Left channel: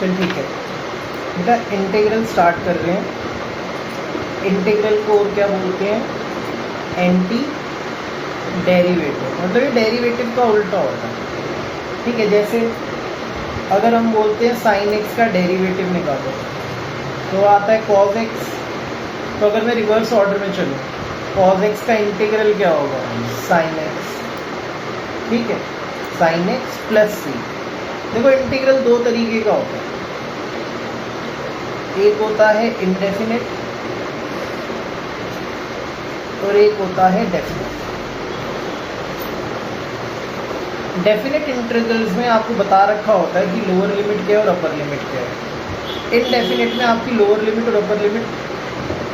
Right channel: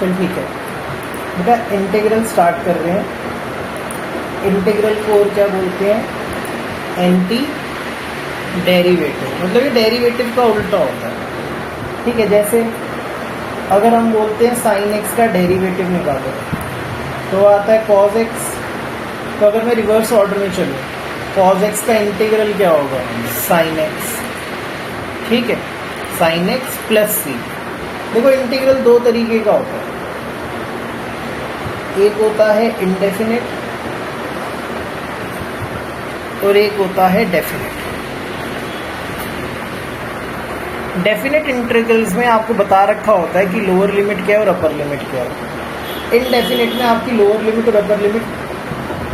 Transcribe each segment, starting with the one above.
चल ठीक है बेटा, इंटीग्रल स्टार्ट कर रहे हैं। इंटीग्रल को और क्या बोलते हैं? एंटी डेरिवेटिव, मतलब ये डेरिवेटिव का उल्टा होता है। ठीक है, जैसे अगर हम बोलते हैं साइन एक्स का डेरिवेटिव निकालो तो आता है कॉस एक्स। तो अगर मैं रिवर्स ऑर्डर में चलूँ, कॉस एक्स का इंटीग्रल क्या होगा? Sine x. ठीक है, साइन एक्स प्लस सी। देखो इंटीग्रल दो तरीके का होता है, एक होता है इंडेफिनिट और एक होता है डेफिनिट। डेफिनिट इंटीग्रल्स में आपको बता रखा होता है कि लोअर लिमिट क्या है और अपर लिमिट क्या है। इनडेफिनिट में आपकी लोअर लिमिट और अपर लिमिट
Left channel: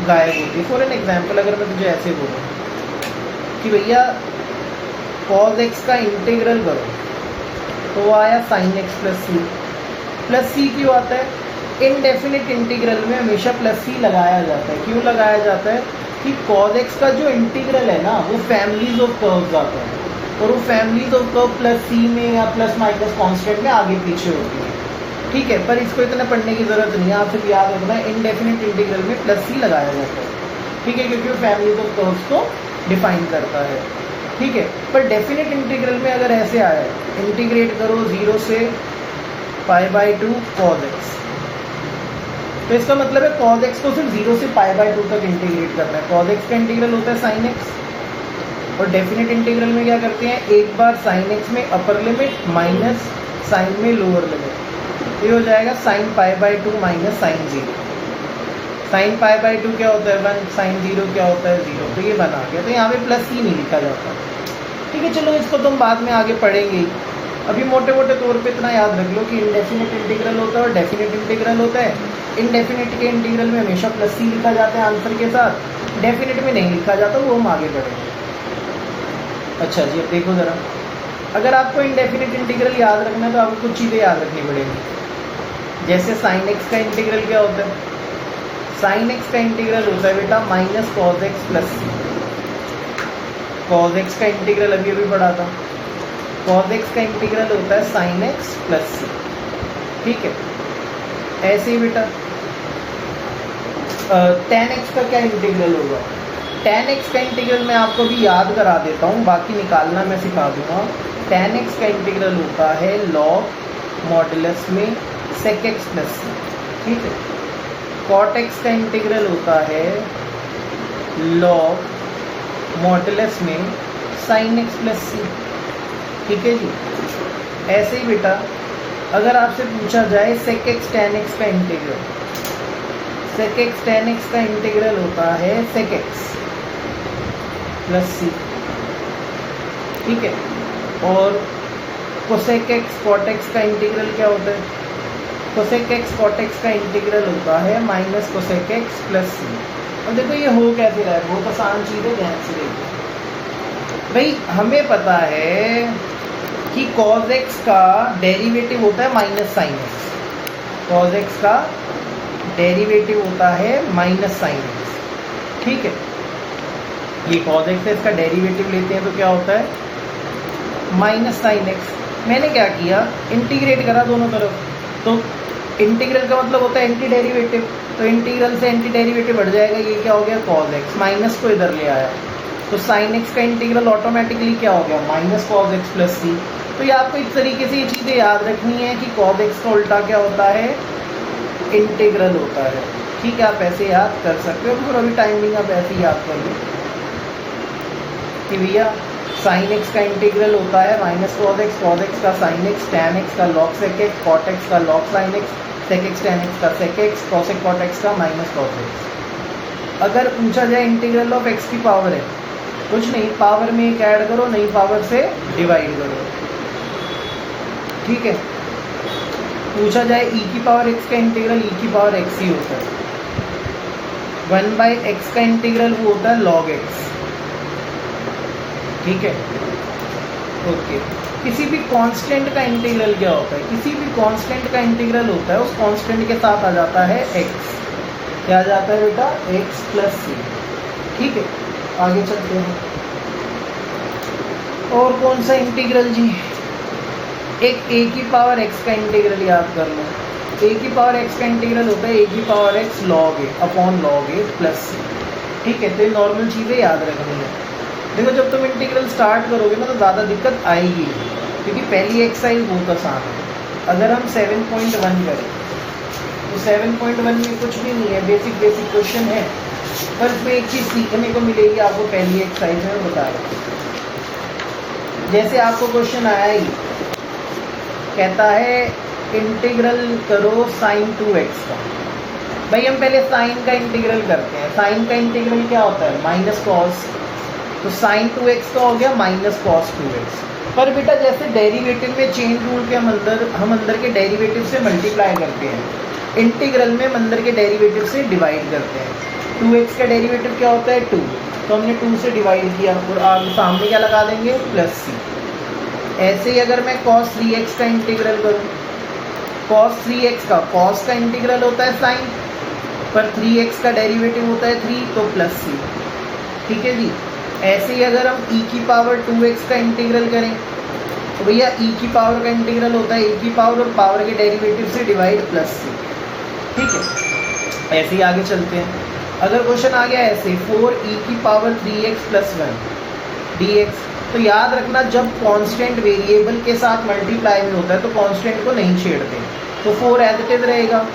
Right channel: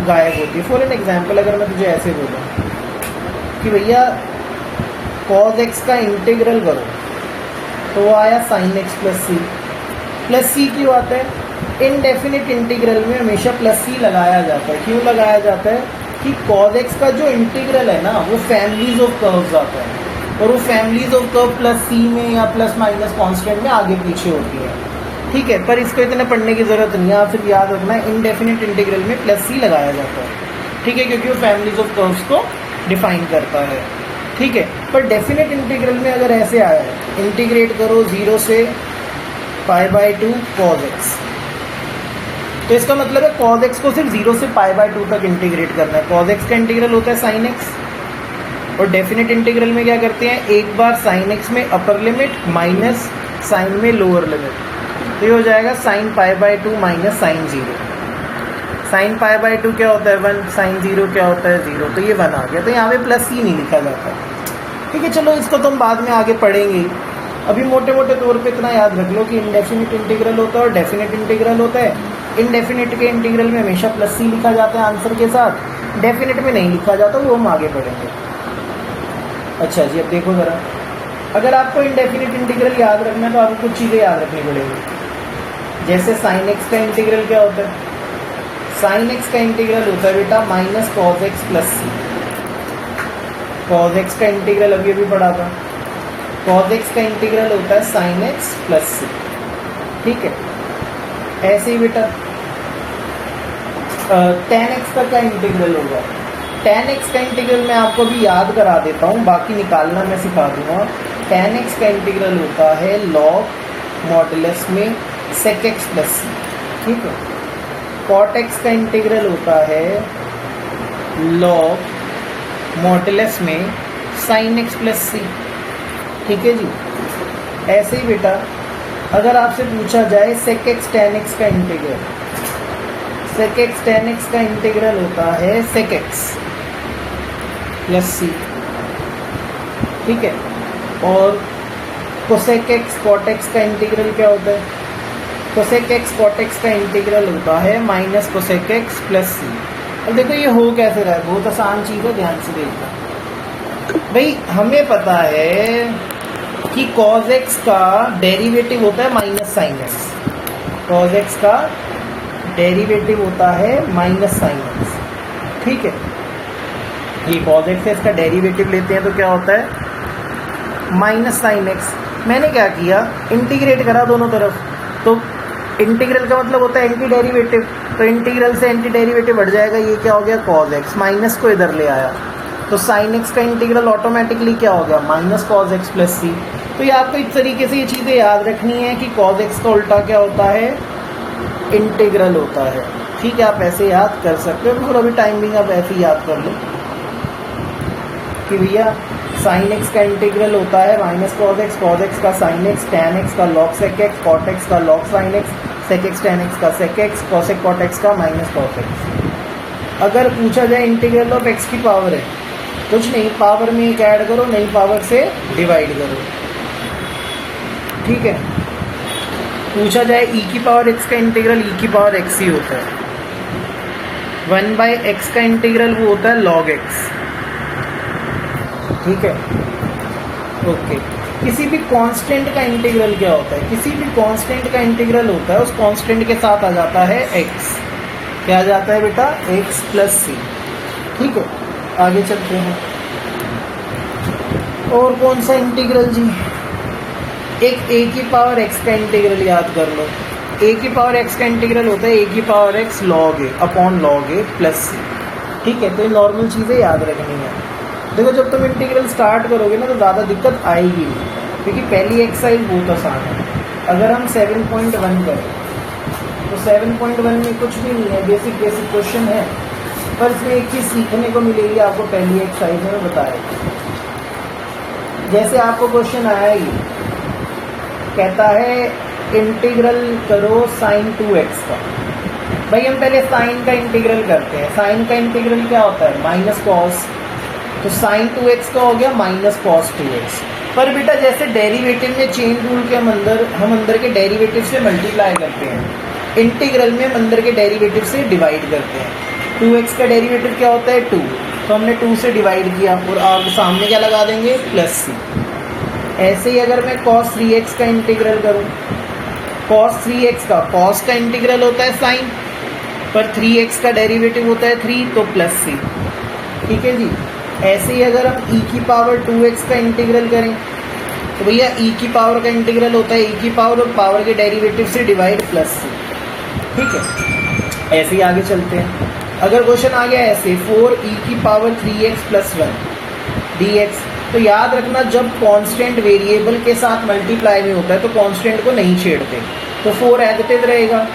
गायब होती है। फॉर एन एग्जांपल, अगर मैं तुझे ऐसे बोलूँ कि भैया कॉस एक्स का इंटीग्रल करो, तो वो आया साइन एक्स प्लस सी। प्लस सी क्यों आता है? इनडेफिनिट इंटीग्रल में हमेशा प्लस सी लगाया जाता है। क्यों लगाया जाता है? कि कॉस एक्स का जो इंटीग्रल है ना, वो फैमिलीज ऑफ कर्व्स आता है, और वो फैमिलीज ऑफ कर्व प्लस सी में या प्लस माइनस कांस्टेंट में आगे पीछे होती है। ठीक है, पर इसको इतना पढ़ने की जरूरत नहीं है, आप सिर्फ याद रखना है इंडेफिनिट इंटीग्रल में प्लस सी लगाया जाता है। ठीक है, क्योंकि वो फैमिलीज ऑफ कर्व्स को डिफाइन करता है। ठीक है, पर डेफिनेट इंटीग्रल में अगर ऐसे आया है, इंटीग्रेट करो 0 से π/2 cos x, तो इसका मतलब है cos x को सिर्फ 0 से π/2 तक इंटीग्रेट करना है। cos x का इंटीग्रल होता है sin x, और डेफिनेट इंटीग्रल में क्या करते हैं? एक बार sin x में अपर लिमिट माइनस साइन में लोअर लिमिट, तो ये हो जाएगा sin π/2 माइनस साइन 0। sin π/2 क्या होता है? 1। sin 0 क्या होता है? 0। तो ये 1 आ गया। तो यहाँ पे प्लस सी नहीं लिखा जाता। ठीक है, चलो इसको तुम बाद में आगे पढ़ेंगे। अभी मोटे मोटे तौर पे इतना याद रख लो कि इनडेफिनिट इंटीग्रल होता है और डेफिनेट इंटीग्रल होता है। इनडेफिनिट के इंटीग्रल में हमेशा प्लस सी लिखा जाता है आंसर के साथ, डेफिनेट में नहीं लिखा जाता, वो हम आगे पढ़ेंगे। अच्छा जी, अब देखो ज़रा, अगर आपको इनडेफिनिट इंटीग्रल याद रखना है तो आपको कुछ चीज़ें याद रखनी पड़ेगी। जैसे साइन एक्स का इंटीग्रल क्या होता है? साइन एक्स का इंटीग्रल होता है बेटा माइनस कॉस एक्स प्लस सी। कॉस एक्स का इंटीग्रल अभी अभी पढ़ा था। कॉस एक्स का इंटीग्रल होता है साइन एक्स प्लस सी। ठीक है, ऐसे ही बेटा tan एक्स का क्या इंटीग्रल होगा? tan एक्स का इंटीग्रल मैं आपको भी याद करा देता हूँ, बाकी निकालना मैं सिखा दूंगा। tan एक्स का इंटीग्रल होता है log मॉडुलस में sec x प्लस सी। ठीक है, cot एक्स का इंटीग्रल होता है log मॉडुलस में sin x प्लस सी। ठीक है जी, ऐसे ही बेटा अगर आपसे पूछा जाए sec x tan x का integral, sec x tan x का इंटीग्रल होता है sec x प्लस सी। ठीक है, और cosec x cot x का इंटीग्रल क्या होता है? cosec x cot x का इंटीग्रल होता है माइनस cosec x प्लस सी। अब देखो ये हो कैसे रहा है, बहुत आसान चीज़ है, ध्यान से देखिए भाई। हमें पता है कि cos x का डेरिवेटिव होता है minus sine x. cos x का डेरिवेटिव होता है माइनस साइन एक्स। ठीक है, ये cos x है, इसका डेरिवेटिव लेते हैं तो क्या होता है? Minus sine x. मैंने क्या किया? इंटीग्रेट करा दोनों तरफ, तो इंटीग्रल का मतलब होता है एंटी डेरिवेटिव, तो इंटीग्रल से एंटी डेरिवेटिव बढ़ जाएगा। ये क्या हो गया? cos x। माइनस को इधर ले आया तो साइन एक्स का इंटीग्रल ऑटोमेटिकली क्या हो गया? माइनस cos x प्लस सी। तो ये आपको इस तरीके से ये चीज़ें याद रखनी है कि cos x का उल्टा क्या होता है? इंटीग्रल होता है। ठीक है, आप ऐसे याद कर सकते हो, फिर अभी टाइमिंग आप ऐसे ही याद कर लो कि भैया साइन एक्स का इंटीग्रल होता है माइनस cos x का साइन एक्स, tan x का log sec x, cot x का log sin x, sec x tan x का sec x, cosec cot x का माइनस cos x। अगर पूछा जाए इंटीग्रल ऑफ x की पावर है, कुछ नहीं, पावर में एक ऐड करो, नई पावर से डिवाइड करो। ठीक है, पूछा जाए e की पावर x का इंटीग्रल, e की पावर x ही होता है। 1/x का इंटीग्रल वो होता है log x। ठीक है, ओके। किसी भी कांस्टेंट का इंटीग्रल क्या होता है? किसी भी कांस्टेंट का इंटीग्रल होता है, उस कांस्टेंट के साथ आ जाता है x। क्या आ जाता है बेटा? x प्लस सी। ठीक है, आगे चलते हैं। और कौन सा इंटीग्रल जी? एक a की पावर x का इंटीग्रल याद कर लो। ए की पावर एक्स का इंटीग्रल होता है ए की पावर एक्स log ए अपॉन log ए प्लस सी। ठीक है, तो ये नॉर्मल चीज़ें याद रखनी है। देखो जब तुम इंटीग्रल स्टार्ट करोगे ना तो ज़्यादा दिक्कत आएगी, क्योंकि पहली एक्सरसाइज बहुत आसान है। अगर हम 7.1 करें तो 7.1 में कुछ भी नहीं है, बेसिक क्वेश्चन है, पर इसमें एक चीज़ सीखने को मिलेगी आपको पहली एक्सरसाइज में बताएगा। जैसे आपको क्वेश्चन आया ही, कहता है इंटीग्रल करो sin 2x का। भाई हम पहले साइन का इंटीग्रल करते हैं। साइन का इंटीग्रल क्या होता है? Minus cos. तो sin 2x का हो गया माइनस कॉस 2x। पर बेटा जैसे डेरिवेटिव में चेन रूल के हम अंदर के डेरिवेटिव से मल्टीप्लाई करते हैं, इंटीग्रल में हम अंदर के डेरिवेटिव से डिवाइड करते हैं। 2x का डेरिवेटिव क्या होता है? 2, तो हमने 2 से डिवाइड किया और आगे सामने क्या लगा देंगे? प्लस सी। ऐसे ही अगर मैं cos 3x का इंटीग्रल करूं, cos 3x का cos का इंटीग्रल होता है साइन, पर 3x का डेरिवेटिव होता है 3, तो प्लस सी। ठीक है जी। ऐसे ही अगर हम e की पावर 2x का इंटीग्रल करें तो भैया e की पावर का इंटीग्रल होता है e की पावर और पावर के डेरिवेटिव से डिवाइड प्लस सी। ठीक है, ऐसे ही आगे चलते हैं। अगर क्वेश्चन आ गया ऐसे 4e की पावर 3x प्लस 1 dx, तो याद रखना जब कांस्टेंट वेरिएबल के साथ मल्टीप्लाई में होता है तो कांस्टेंट को नहीं छेड़ते, तो 4 एज इट इज रहेगा।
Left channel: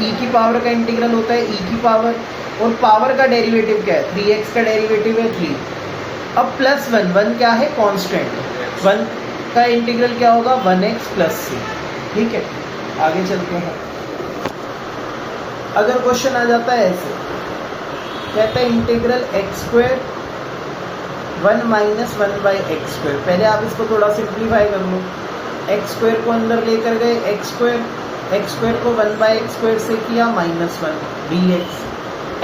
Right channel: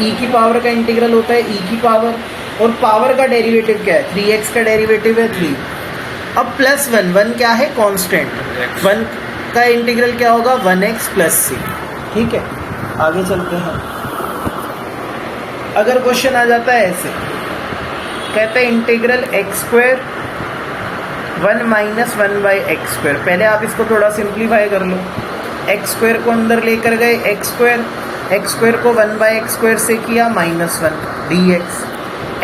e की पावर का इंटीग्रल होता है e की पावर, और पावर का डेरिवेटिव क्या है? 3x का डेरिवेटिव है 3। अब प्लस 1 क्या है? कांस्टेंट। 1 का इंटीग्रल क्या होगा? 1x प्लस सी। ठीक है, आगे चलते हैं। अगर क्वेश्चन आ जाता है ऐसे, कहते हैं इंटीग्रल x² 1 माइनस 1/x²। पहले आप इसको थोड़ा सिंप्लीफाई कर लो। x² को अंदर लेकर गए x² को 1/x² से किया -1 dx।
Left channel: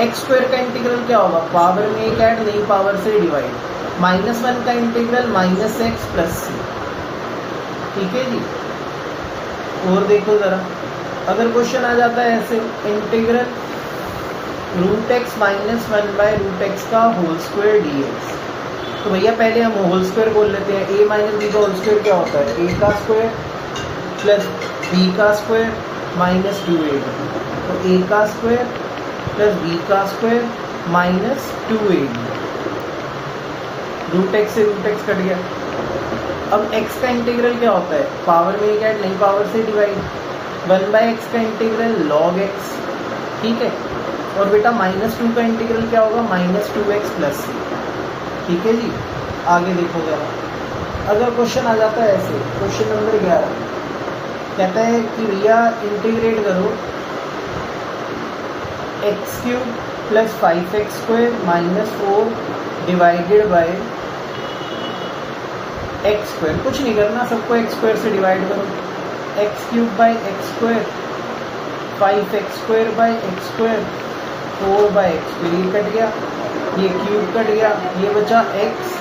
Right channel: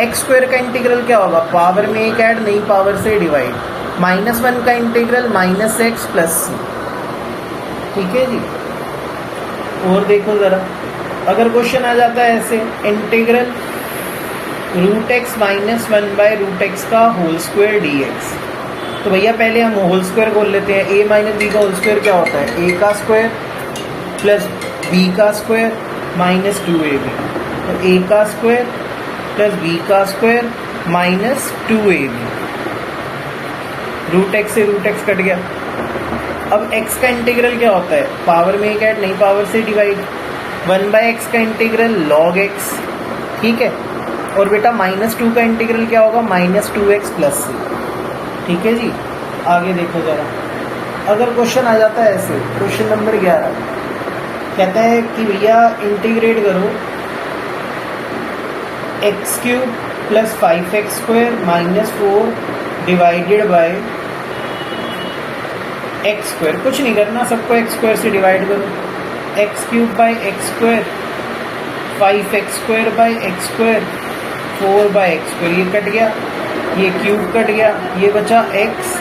x² का इंटीग्रल क्या होगा? पावर में एक ऐड, नहीं पावर से डिवाइड। -1 का इंटीग्रल -x प्लस सी। ठीक है जी। और देखो जरा, अगर क्वेश्चन आ जाता है ऐसे इंटीग्रल √x माइनस 1/√x का होल स्क्वायर dx, तो भैया पहले हम होल स्क्वायर बोल लेते हैं। a माइनस बी का होल स्क्वायर क्या होता है? a का स्क्वायर प्लस b का स्क्वायर माइनस 2ab। तो a का स्क्वायर प्लस b का स्क्वायर माइनस 2ab। √x से √x कट गया। अब x का इंटीग्रल क्या होता है? पावर में एक ऐड, नहीं पावर से डिवाइड। 1/x का इंटीग्रल log x। ठीक है, और बेटा -2 का इंटीग्रल क्या होगा? -2x प्लस सी। ठीक है जी। आगे देखो जरा, अगर क्वेश्चन आ जाता है ऐसे, क्वेश्चन नंबर 11 कहता है कि भैया इंटीग्रेट करो x³ plus 5x² minus 4 divided by x²। कुछ नहीं करना, सबको x² से डिवाइड करो। x³ by x², 5x² by x², 4/x²। ये कट गया, ये क्यूब कट गया, ये बचा x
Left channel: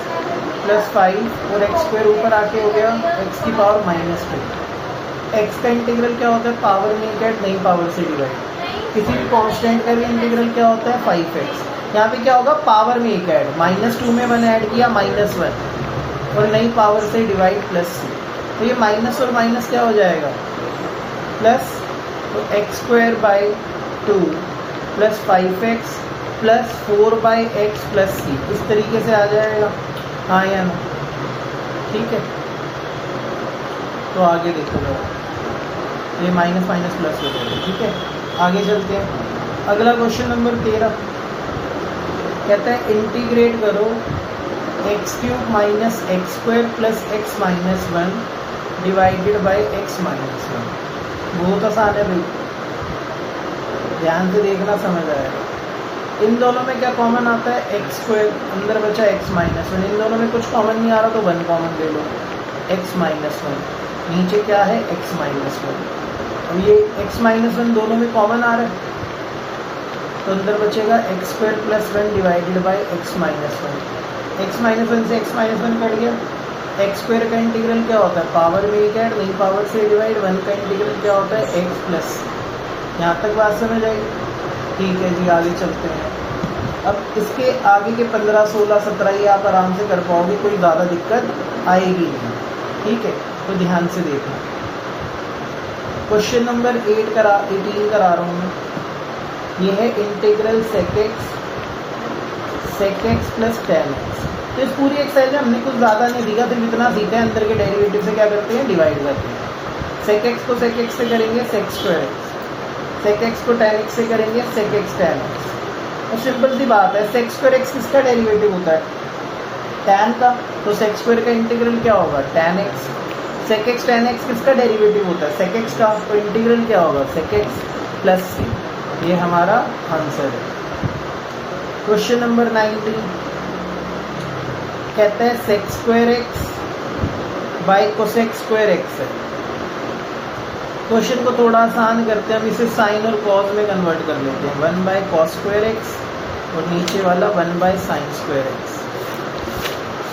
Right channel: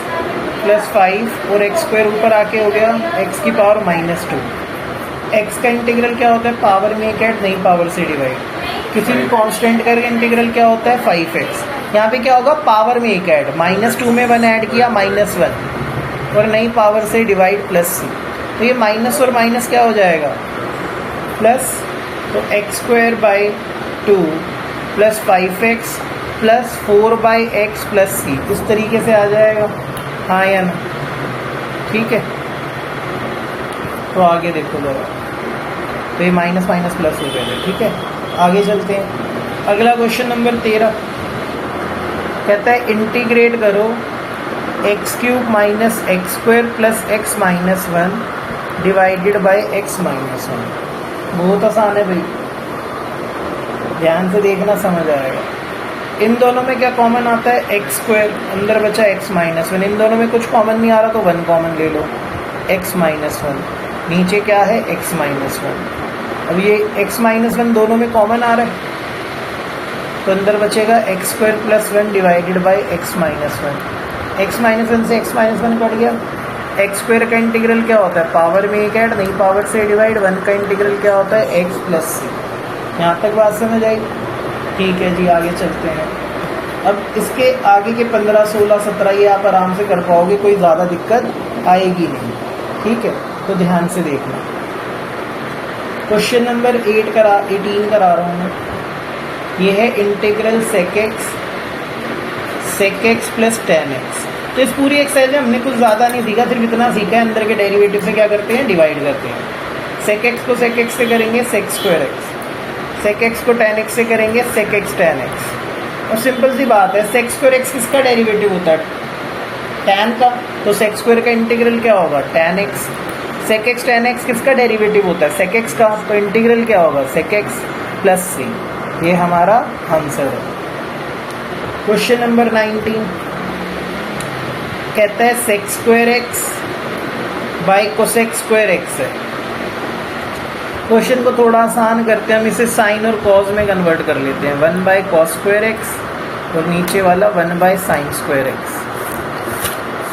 प्लस 5 और x² ऊपर आके हो गया x की पावर -2। x का इंटीग्रल क्या होता है? पावर में एक ऐड, नहीं पावर से डिवाइड। किसी भी कांस्टेंट का इंटीग्रल क्या होता है? 5x। यहाँ पे क्या होगा? पावर में एक ऐड, -2 में 1 ऐड किया -1, और नहीं पावर से डिवाइड प्लस सी। तो ये माइनस और माइनस क्या हो जाएगा? प्लस। तो x² by 2 plus 5x plus 4/x plus C, उस तरीके से आ जाएगा। हाँ या ना? ठीक है, तो आगे देखो जरा, तो ये माइनस माइनस प्लस हो गया। ठीक है, आगे चलते हैं। अगला क्वेश्चन नंबर 13 कहता है इंटीग्रेट करो x³ minus x² plus x minus 1 divided by x minus 1। बहुत आसान है भाई, ध्यान से देखना, समझ आएगा। इन दोनों में क्या कॉमन आता है? x², अंदर बचा x माइनस 1। इन दोनों में कुछ कॉमन नहीं आ रहा तो 1 कॉमन ले लो, x माइनस 1। नीचे क्या है? x minus 1। अब ये x माइनस 1 दोनों में कॉमन आ रहा है, तो अंदर बचेगा x² plus 1 divided by x minus 1। x minus 1 से x माइनस 1 कट गया। x² का इंटीग्रल क्या होता है? पावर में एक ऐड, नहीं पावर से डिवाइड। 1 का इंटीग्रल क्या होता है? x प्लस सी। यहाँ तक बात समझ आई? ठीक है जी, आगे चलते हैं। अब इसके आगे के 15, 16, 17 ये आप आराम से कर पाओगे, कोई ज़्यादा दिक्कत आएगी नहीं। ठीक है, तो ध्यान से देखना। क्वेश्चन नंबर 18 करा रहा हूँ मैं। ये है integral sec x plus tan x. तो इस पूरी एक्सरसाइज में हमने कुछ ज़्यादा नहीं सीखा, सिर्फ इतना सीखा है अंदर के डेरिवेटिव से क्या करते हैं, डिवाइड करते हैं। सेक एक्स को सेक एक्स से करेंगे sec square x, sec x को टेन एक्स से करेंगे सेक एक्स टेन एक्स। और सिंपल सी बात है, सेक स्क्वायर एक्स किसका डेरिवेटिव होता है, टैन का, तो सेक स्क्वायर का इंटीग्रल क्या होगा, tan x. Sec x tan x किसका डेरिवेटिव होता है, सेक एक्स का, तो इंटीग्रल क्या होगा, सेक एक्स प्लस सी। ये हमारा आंसर है। क्वेश्चन नंबर 19 कहता है sec square x by cosec square x है। क्वेश्चन को थोड़ा आसान करते हैं, हम इसे साइन और कॉस में कन्वर्ट कर लेते हैं। 1 बाई कॉस स्क्वायर एक्स और नीचे वाला 1 बाई साइन स्क्वायर एक्स,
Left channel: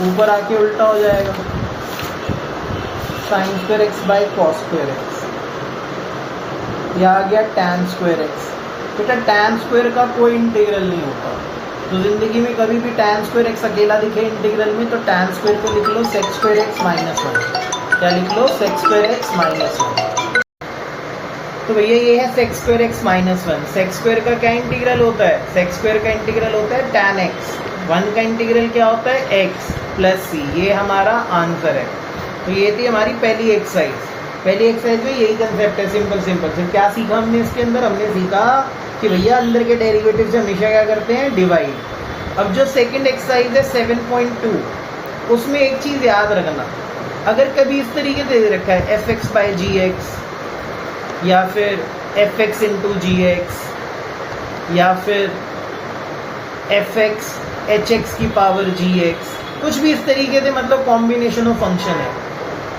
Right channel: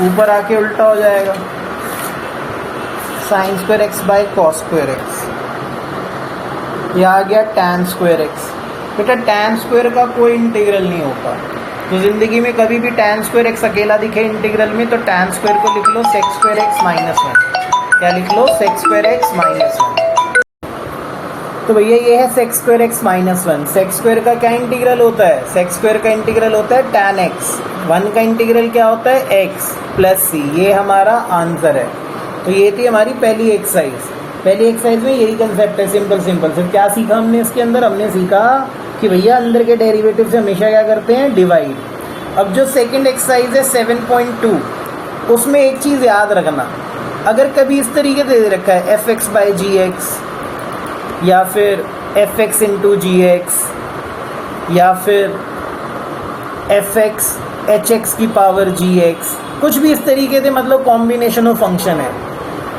ऊपर आके उल्टा हो जाएगा, sine square x by cos square x. ये आ गया टैन स्क्वायर एक्स। बेटा टैन स्क्वायर का कोई इंटीग्रल नहीं होता, तो जिंदगी में कभी भी टैन स्क्वायर एक्स अकेला दिखे इंटीग्रल में तो टैन स्क्वायर को लिख लो सेक स्क्वायर एक्स माइनस 1। क्या लिख लो, सेक स्क्वायर एक्स माइनस 1। तो भैया ये है sec square x minus 1। Sec square का क्या इंटीग्रल होता है, सेक स्क्वायर का इंटीग्रल होता है टैन एक्स। 1 का इंटीग्रल क्या होता है, एक्स प्लस सी। ये हमारा आंसर है। तो ये थी हमारी पहली एक्सरसाइज। पहली एक्सरसाइज में यही कंसेप्ट है, सिंपल सिंपल। फिर क्या सीखा हमने इसके अंदर, हमने सीखा कि भैया अंदर के डेरिवेटिव से हमेशा क्या करते हैं, डिवाइड। अब जो सेकंड एक्सरसाइज है 7.2, उसमें एक चीज़ याद रखना, अगर कभी इस तरीके से दे रखा है f x by g x या फिर f x into g x या फिर एफ एक्स एच एक्स की पावर जी एक्स, कुछ भी इस तरीके से, मतलब कॉम्बिनेशन ऑफ फंक्शन है।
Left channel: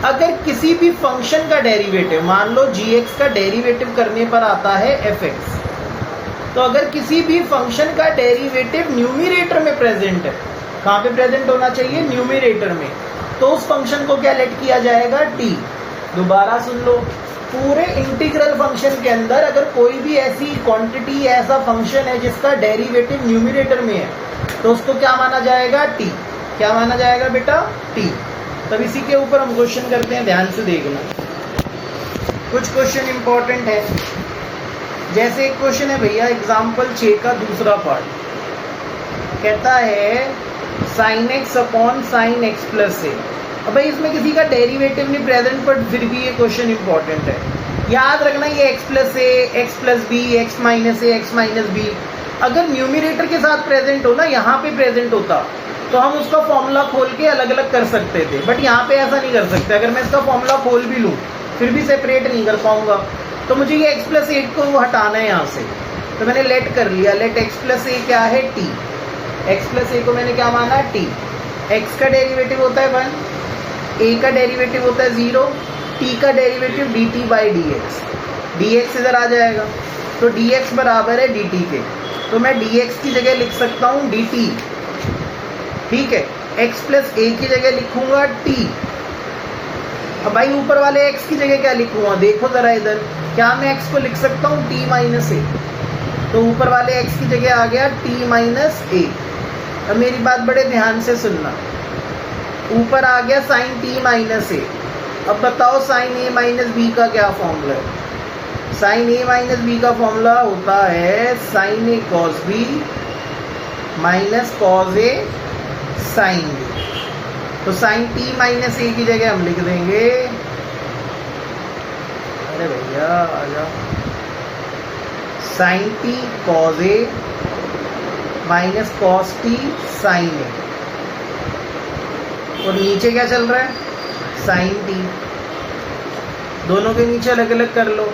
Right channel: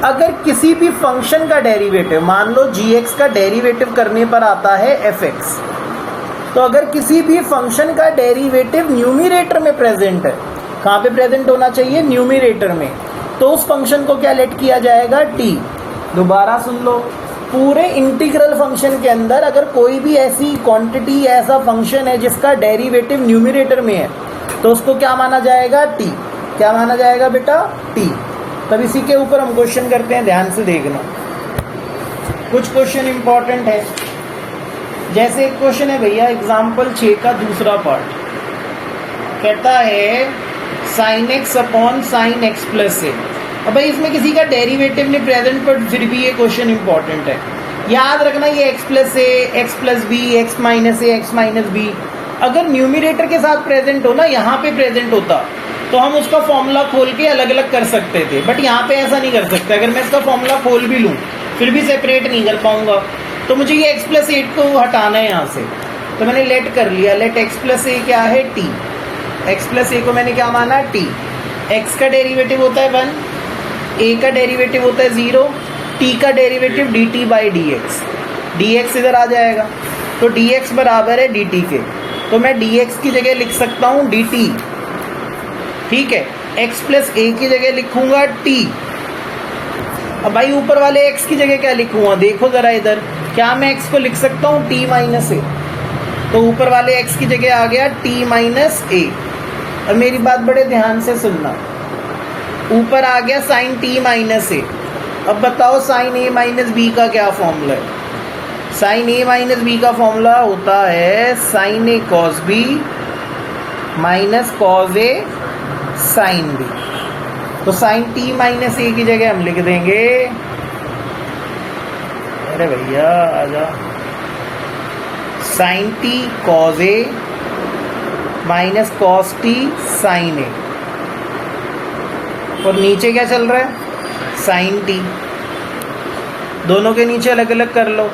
अगर किसी भी फंक्शन का डेरिवेटिव, मान लो जी एक्स का डेरिवेटिव करने पर आता है एफ एक्स, तो अगर किसी भी फंक्शन का डेरिवेटिव न्यूमरेटर में प्रेजेंट है, कहाँ पे प्रेजेंट होना चाहिए, न्यूमरेटर में, तो उस फंक्शन को क्या लेट किया जाएगा, टी। दोबारा सुन लो, पूरे इंटीग्रल फंक्शन के अंदर अगर कोई भी ऐसी क्वांटिटी, ऐसा फंक्शन है जिसका डेरिवेटिव न्यूमरेटर में है, तो उसको क्या माना जाएगा, टी। क्या माना जाएगा बेटा, टी। तब इसी के ऊपर हम क्वेश्चन करते हैं, ध्यान से देखना। कुछ क्वेश्चन इंपॉर्टेंट है, जैसे एक क्वेश्चन है भैया एग्जाम्पल 6 का दूसरा पार्ट, कहता है sine x upon sine x plus a. अब भाई इसमें किसी का डेरिवेटिव नहीं प्रेजेंट, पर फिर भी ये क्वेश्चन इंपॉर्टेंट है। याद रखना ये x plus a, x plus b, x minus a, x minus b, अगर न्यूमरेटर के साथ प्रेजेंट हो ना, यहाँ पे प्रेजेंट होता तो हम उसका फॉर्मूला खोल के अलग अलग कर सकते थे, बट यहाँ पे ऐसा नहीं कर सकते। अगर मैं इसका फॉर्मूला खोल भी लूँ फिर भी सेपरेट नहीं कर पाऊंगा, तो मुझे ये एक्स प्लस ए को हटाना है यहाँ से। तो मैंने लेट कर लिया, लेट एक्स प्लस ए क्या है, टी। एक्स प्लस ए को मैंने क्या माना है, टी। एक्स का डेरिवेटिव होता है 1, ए का डेरिवेटिव होता है 0, टी का derivative D T by D x. D x इधर आ जाएगा, तो डी एक्स बराबर है डी टी के, तो मैं डी एक्स की जगह लिख सकता हूँ डी टी, ठीक है। एक्स प्लस ए की जगह लिखूंगा टी। अब भाई ऊपर वाले एक्स की जगह क्या लिखूंगा, देखो जरा इधर, क्या मैं एक्स को लिख सकता हूँ टी माइनस ए, तो ऊपर वाले एक्स की जगह आ गया टी माइनस ए। और मेरी बात बड़े ध्यान से सुनना, ऊपर आ गया साइन टी माइनस ए। अब बताओ साइन ए माइनस बी का क्या फॉर्मूला है, साइन ए माइनस बी का फॉर्मूला होता है sign a cos b minus cos A sine B. तो साइन टी माइनस ए की जगह हम लिख देंगे, अरे भैया आजा, sign T cos A minus cos T sign ए, और नीचे क्या चल रहा है, साइन टी। दोनों के नीचे अलग अलग कर लो,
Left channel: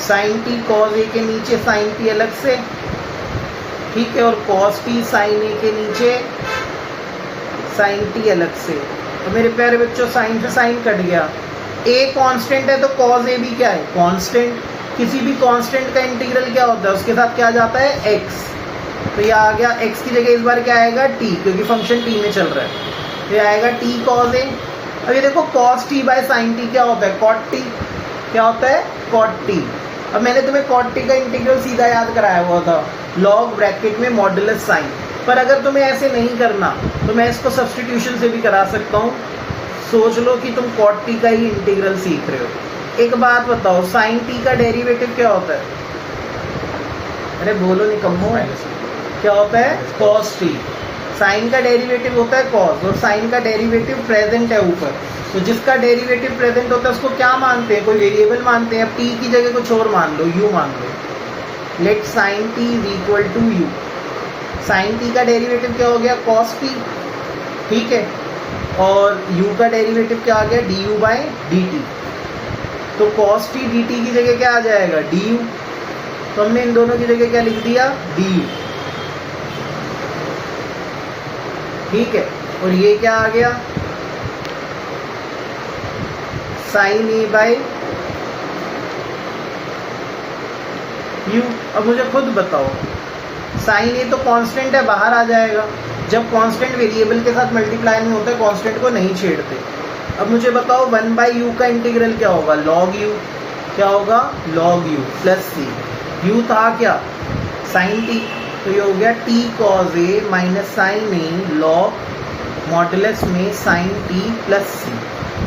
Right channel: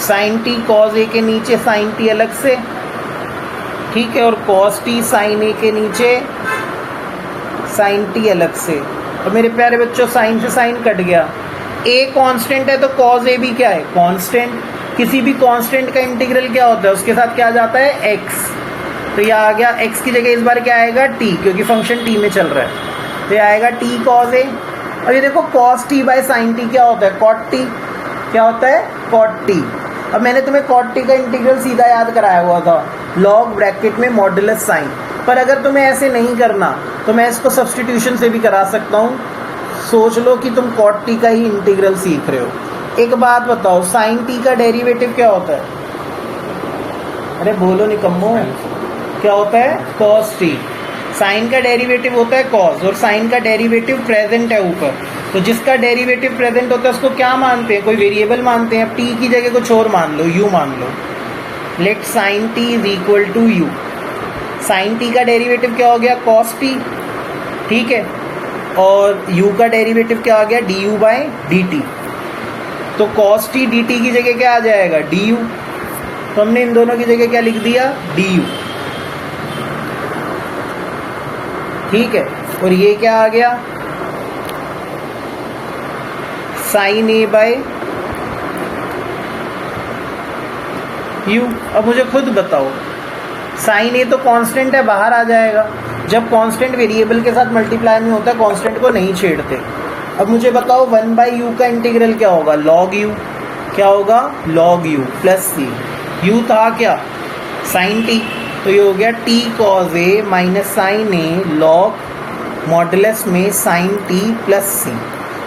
साइन टी कॉस ए के नीचे साइन टी अलग से, ठीक है, और कॉस टी साइन ए के नीचे साइन टी अलग से। और मेरे प्यारे बच्चों साइन से साइन कट गया, ए कांस्टेंट है तो कॉस ए भी क्या है, कांस्टेंट। किसी भी कांस्टेंट का इंटीग्रल क्या होता है, उसके साथ क्या आ जाता है, एक्स। तो ये आ गया एक्स की जगह इस बार क्या आएगा, टी, क्योंकि फंक्शन टी में चल रहा है, तो ये आएगा टी कॉस ए। अब ये देखो cos T by sine t क्या होता है, कॉट टी। क्या होता है, कॉट टी। अब मैंने तुम्हें कॉट टी का इंटीग्रल सीधा याद कराया हुआ था, लॉग ब्रैकेट में मॉडुलस साइन। पर अगर तुम्हें ऐसे नहीं करना तो मैं इसको सब्स्टिट्यूशन से भी करा सकता हूँ। सोच लो कि तुम कॉट टी का ही इंटीग्रल सीख रहे हो, एक बात बताओ, साइन टी का डेरिवेटिव क्या होता है? अरे बोलो निकम्मो, क्या होता है? Cos T. साइन का डेरिवेटिव होता है कॉस, और साइन का डेरिवेटिव प्रेजेंट है ऊपर, तो जिसका डेरिवेटिव प्रेजेंट होता है उसको क्या मानते हैं? कोई वेरिएबल मानते हैं। अब टी की जगह कुछ और मान लो, यू मान लो। Let sine t is equal to u. Sine t का डेरिवेटिव क्या हो गया? कॉस टी, ठीक है। और u का डेरिवेटिव क्या आ गया? D you by D T. तो कॉस टी डी टी की जगह क्या आ जाएगा? D you. तो हमने इन दोनों की जगह क्या लिख दिया? डी यू, ठीक है। और ये क्या आ गया? Sine a by u. अब मुझे खुद बताओ, साइन ए तो कांस्टेंट है, बाहर आ जाएगा। जब कांस्टेंट वेरिएबल के साथ मल्टीप्लाई में होता है, कांस्टेंट को नहीं छेड़ते। अब मुझे बताओ 1/u का इंटीग्रल क्या होगा? Log u. क्या होगा? Log u plus c. U था क्या? साइन टी, तो ये हो गया t cos a minus sine a log modulus में साइन टी प्लस सी।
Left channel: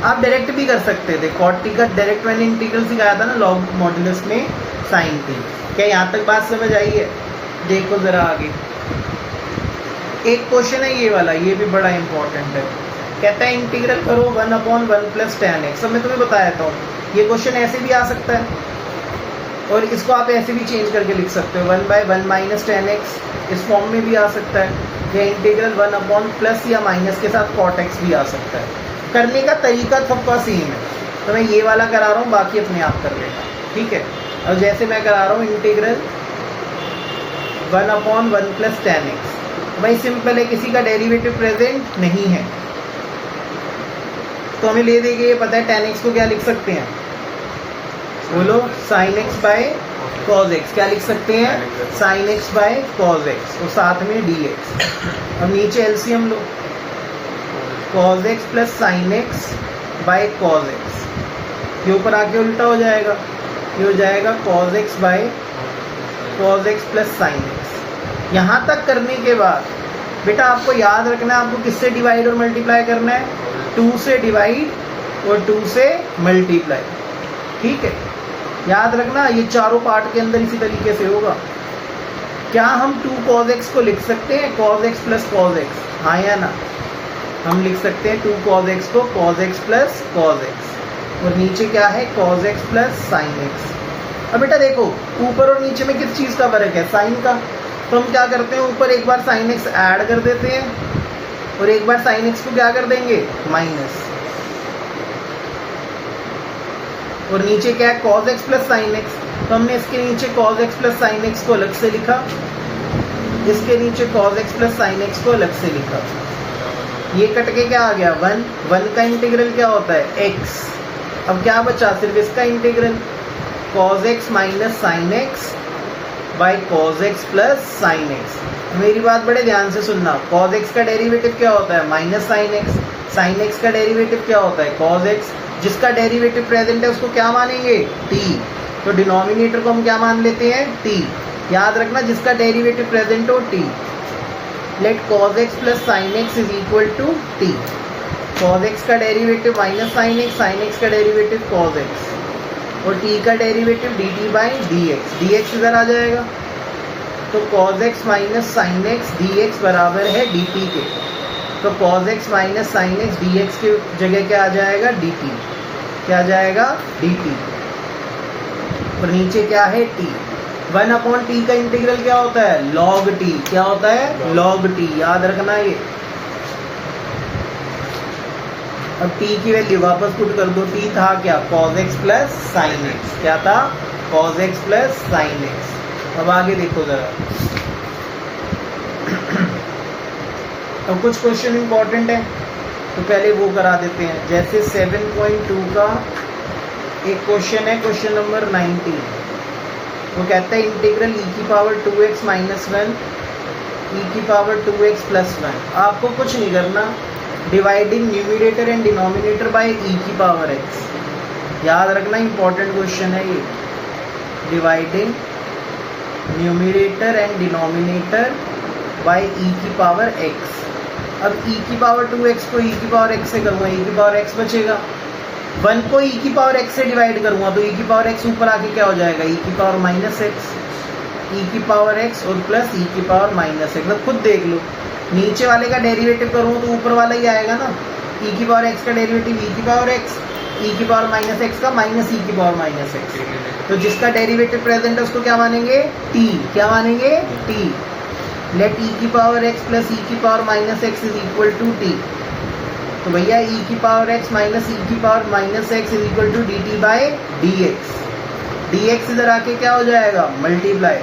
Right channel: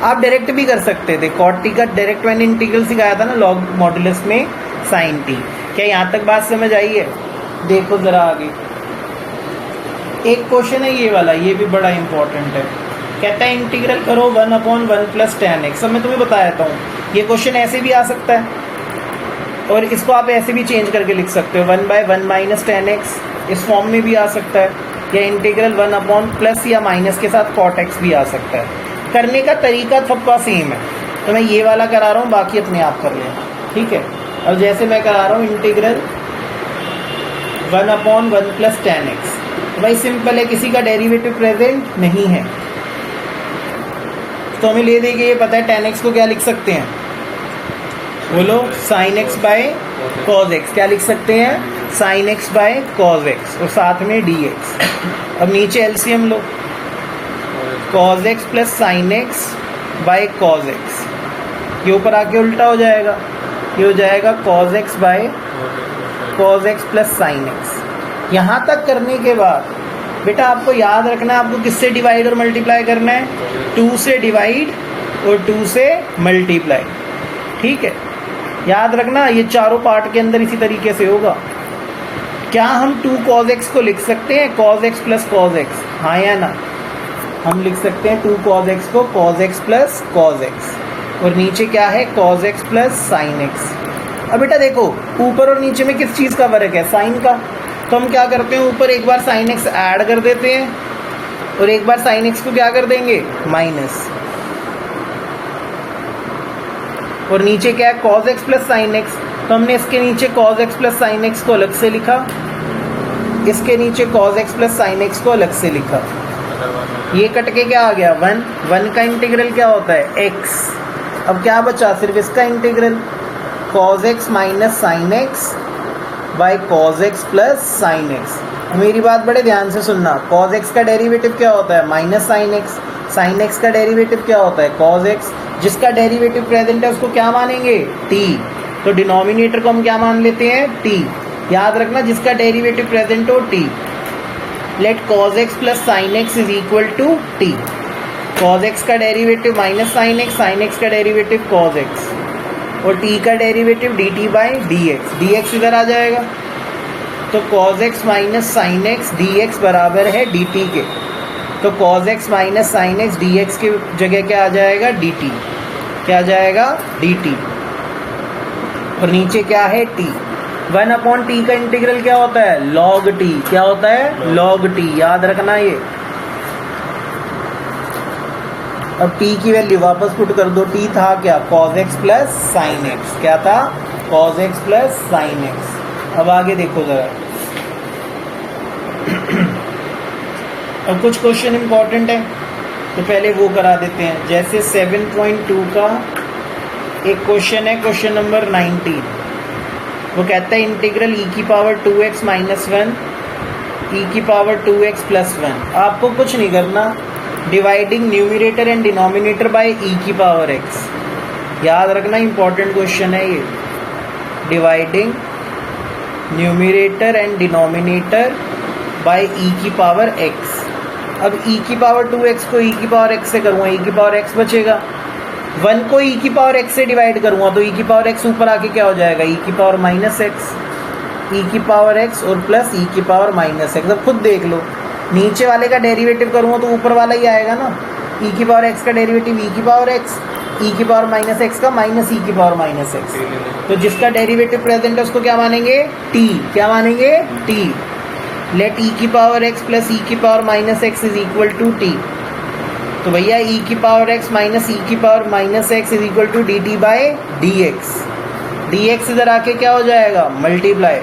आप डायरेक्ट भी कर सकते थे, कॉट टी का डायरेक्ट मैंने इंटीग्रल सिखाया था ना, लॉग मॉडुलस में साइन टी। क्या यहाँ तक बात समझ आई है? देखो जरा आगे एक क्वेश्चन है ये वाला, ये भी बड़ा इंपॉर्टेंट है। कहता है इंटीग्रल करो 1/1 प्लस tan x। अब मैं तुम्हें बताया था, ये क्वेश्चन ऐसे भी आ सकता है और इसको आप ऐसे भी चेंज करके लिख सकते हो, 1/1 माइनस tan x, इस फॉर्म में भी आ सकता है। या इंटीग्रल 1 प्लस या माइनस के साथ cot x भी आ सकता है। करने का तरीका सबका सेम है, तो मैं ये वाला करा रहा हूँ, बाकी अपने आप कर लेना, ठीक है। और जैसे मैं करा रहा हूँ इंटीग्रल 1/1 प्लस tan x, भाई सिंपल है, किसी का डेरिवेटिव प्रेजेंट नहीं है, तो हमें ले देंगे, ये पता है tan x को क्या लिख सकते हैं? बोलो, sin x by cos x। क्या लिख सकते हैं? sin x by cos x, और साथ में dx। अब नीचे एलसीएम लो, cos x plus sin x by cos x, ये ऊपर आके उल्टा हो जाएगा, ये हो जाएगा cos x by cos x plus sin x। यहाँ तक करने के बाद बेटा आपको याद रखना है, आपको किससे डिवाइड और मल्टीप्लाई करना है? 2 से डिवाइड और 2 से मल्टीप्लाई, ठीक है। याद रखना, ये चारों पार्ट के अंदर इसी तरीके से होगा। क्या हम 2 cos x को लिख सकते हैं cos x plus cos x? हाँ या ना? हम लिख सकते हैं 2 cos x को cos x plus cos x, और नीचे क्या है? cos x plus sin x। अब बेटा देखो, ऊपर और नीचे में किस चीज़ का फर्क है? साइन का। तो हम क्या करते हैं, ऊपर एक बार sin x ऐड कर देते हैं और एक बार sin x को क्या कर देंगे? माइनस। और नीचे क्या है? cos x plus sin x। तो हमने इसके नीचे cos x plus sin x को अलग से लिखा, इसके नीचे cos x plus sin x को अलग से लिखा। ये कट के क्या आ गया? 1 का इंटीग्रल क्या होता है? x। अब क्या बचा? सिर्फ इसका integral, cos x minus sin x by cos x plus sin x। मेरी बात बड़े ध्यान से सुनना, cos x का डेरिवेटिव क्या होता है? Minus sin x। sin x का डेरिवेटिव क्या होता है? cos x। जिसका डेरिवेटिव प्रेजेंट है उसको क्या मानेंगे? t। तो डिनोमिनेटर को हम क्या मान लेते हैं? t। याद रखना, जिसका डेरिवेटिव प्रेजेंट हो t। Let cos x plus sin x is equal to t। cos x का डेरिवेटिव माइनस sin x का डेरिवेटिव cos x, और t का derivative dt by dx। dx इधर आ जाएगा, तो cos x minus sin x dx बराबर है dt के। तो cos x minus sin x dx की जगह क्या आ जाएगा? dt। क्या आ जाएगा? dt। और नीचे क्या है? t। 1/t का इंटीग्रल क्या होता है? log t। क्या होता है? log t। याद रखना ये। अब t की वैल्यू वापस पुट कर दो, t था क्या? cos x plus sin x। क्या था? cos x plus sin x। अब आगे देखो जरा, अब कुछ क्वेश्चन इंपॉर्टेंट है तो पहले वो करा देते हैं। जैसे 7.2 का एक क्वेश्चन है, क्वेश्चन नंबर 19। वो कहता है इंटीग्रल e की पावर 2x माइनस 1 e की पावर 2x प्लस 1। आपको कुछ नहीं करना, dividing numerator and denominator by e की पावर x। याद रखना, इंपॉर्टेंट क्वेश्चन है ये। Dividing numerator and denominator by e की पावर x। अब e की पावर 2x को e की पावर x से करूँगा, e की पावर x बचेगा, 1 को e की पावर x से डिवाइड करूँगा तो e की पावर x ऊपर आके क्या हो जाएगा, e की पावर माइनस एक्स, e की पावर x और प्लस e की पावर माइनस एक्स। अब खुद देख लो, नीचे वाले का डेरिवेटिव करूँगा तो ऊपर वाला ही आएगा ना, e की पावर x का डेरिवेटिव e की पावर x, e की पावर माइनस एक्स का माइनस e की पावर माइनस एक्स। तो जिसका डेरिवेटिव प्रेजेंट है उसको क्या मानेंगे, t। क्या मानेंगे, t। लेट e की पावर x प्लस e की power minus x is equal to t। तो भैया e की पावर x माइनस e की power minus x is equal to dt by D x. D x इधर आके क्या हो जाएगा, मल्टीप्लाई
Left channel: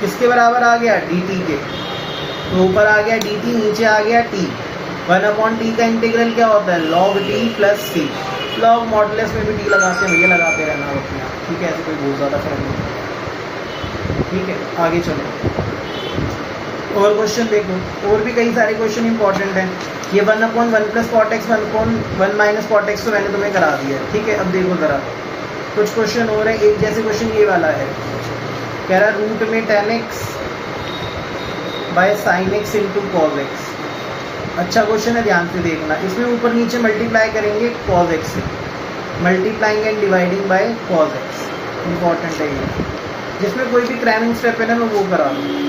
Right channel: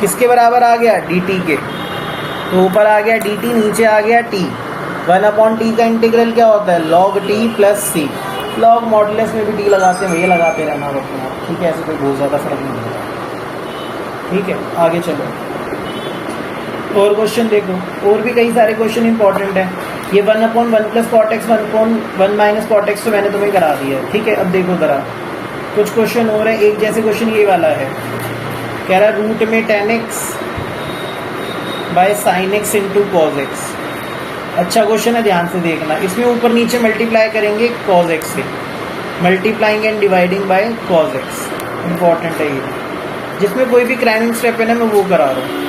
किसके बराबर आ गया, dt के। तो ऊपर आ गया dt, नीचे आ गया t। 1/t का इंटीग्रल क्या होता है, log t प्लस सी। लॉग मॉडुलस में भी t लगाते हैं भैया, लगाते रहना अपना, ठीक है, ऐसे कोई बहुत ज़्यादा फर्क नहीं। ठीक है, आगे चलो और क्वेश्चन देखो, और भी कई सारे क्वेश्चन इंपॉर्टेंट हैं। ये 1/1 plus cot x 1/1 minus cot x तो मैंने तुम्हें करा दिया है, ठीक है। अब देखो ज़रा कुछ क्वेश्चन और है। एक जैसे क्वेश्चन ये वाला है, कह रहा रूट में tan x by sine x into cos x. अच्छा क्वेश्चन है, ध्यान से देखना। इसमें ऊपर नीचे मल्टीप्लाई करेंगे कॉज एक्स से, multiplying and dividing by cos x. Important है ये, जिसमें कोई भी क्राइमिंग स्टेप है ना मैं वो करा रहा हूँ।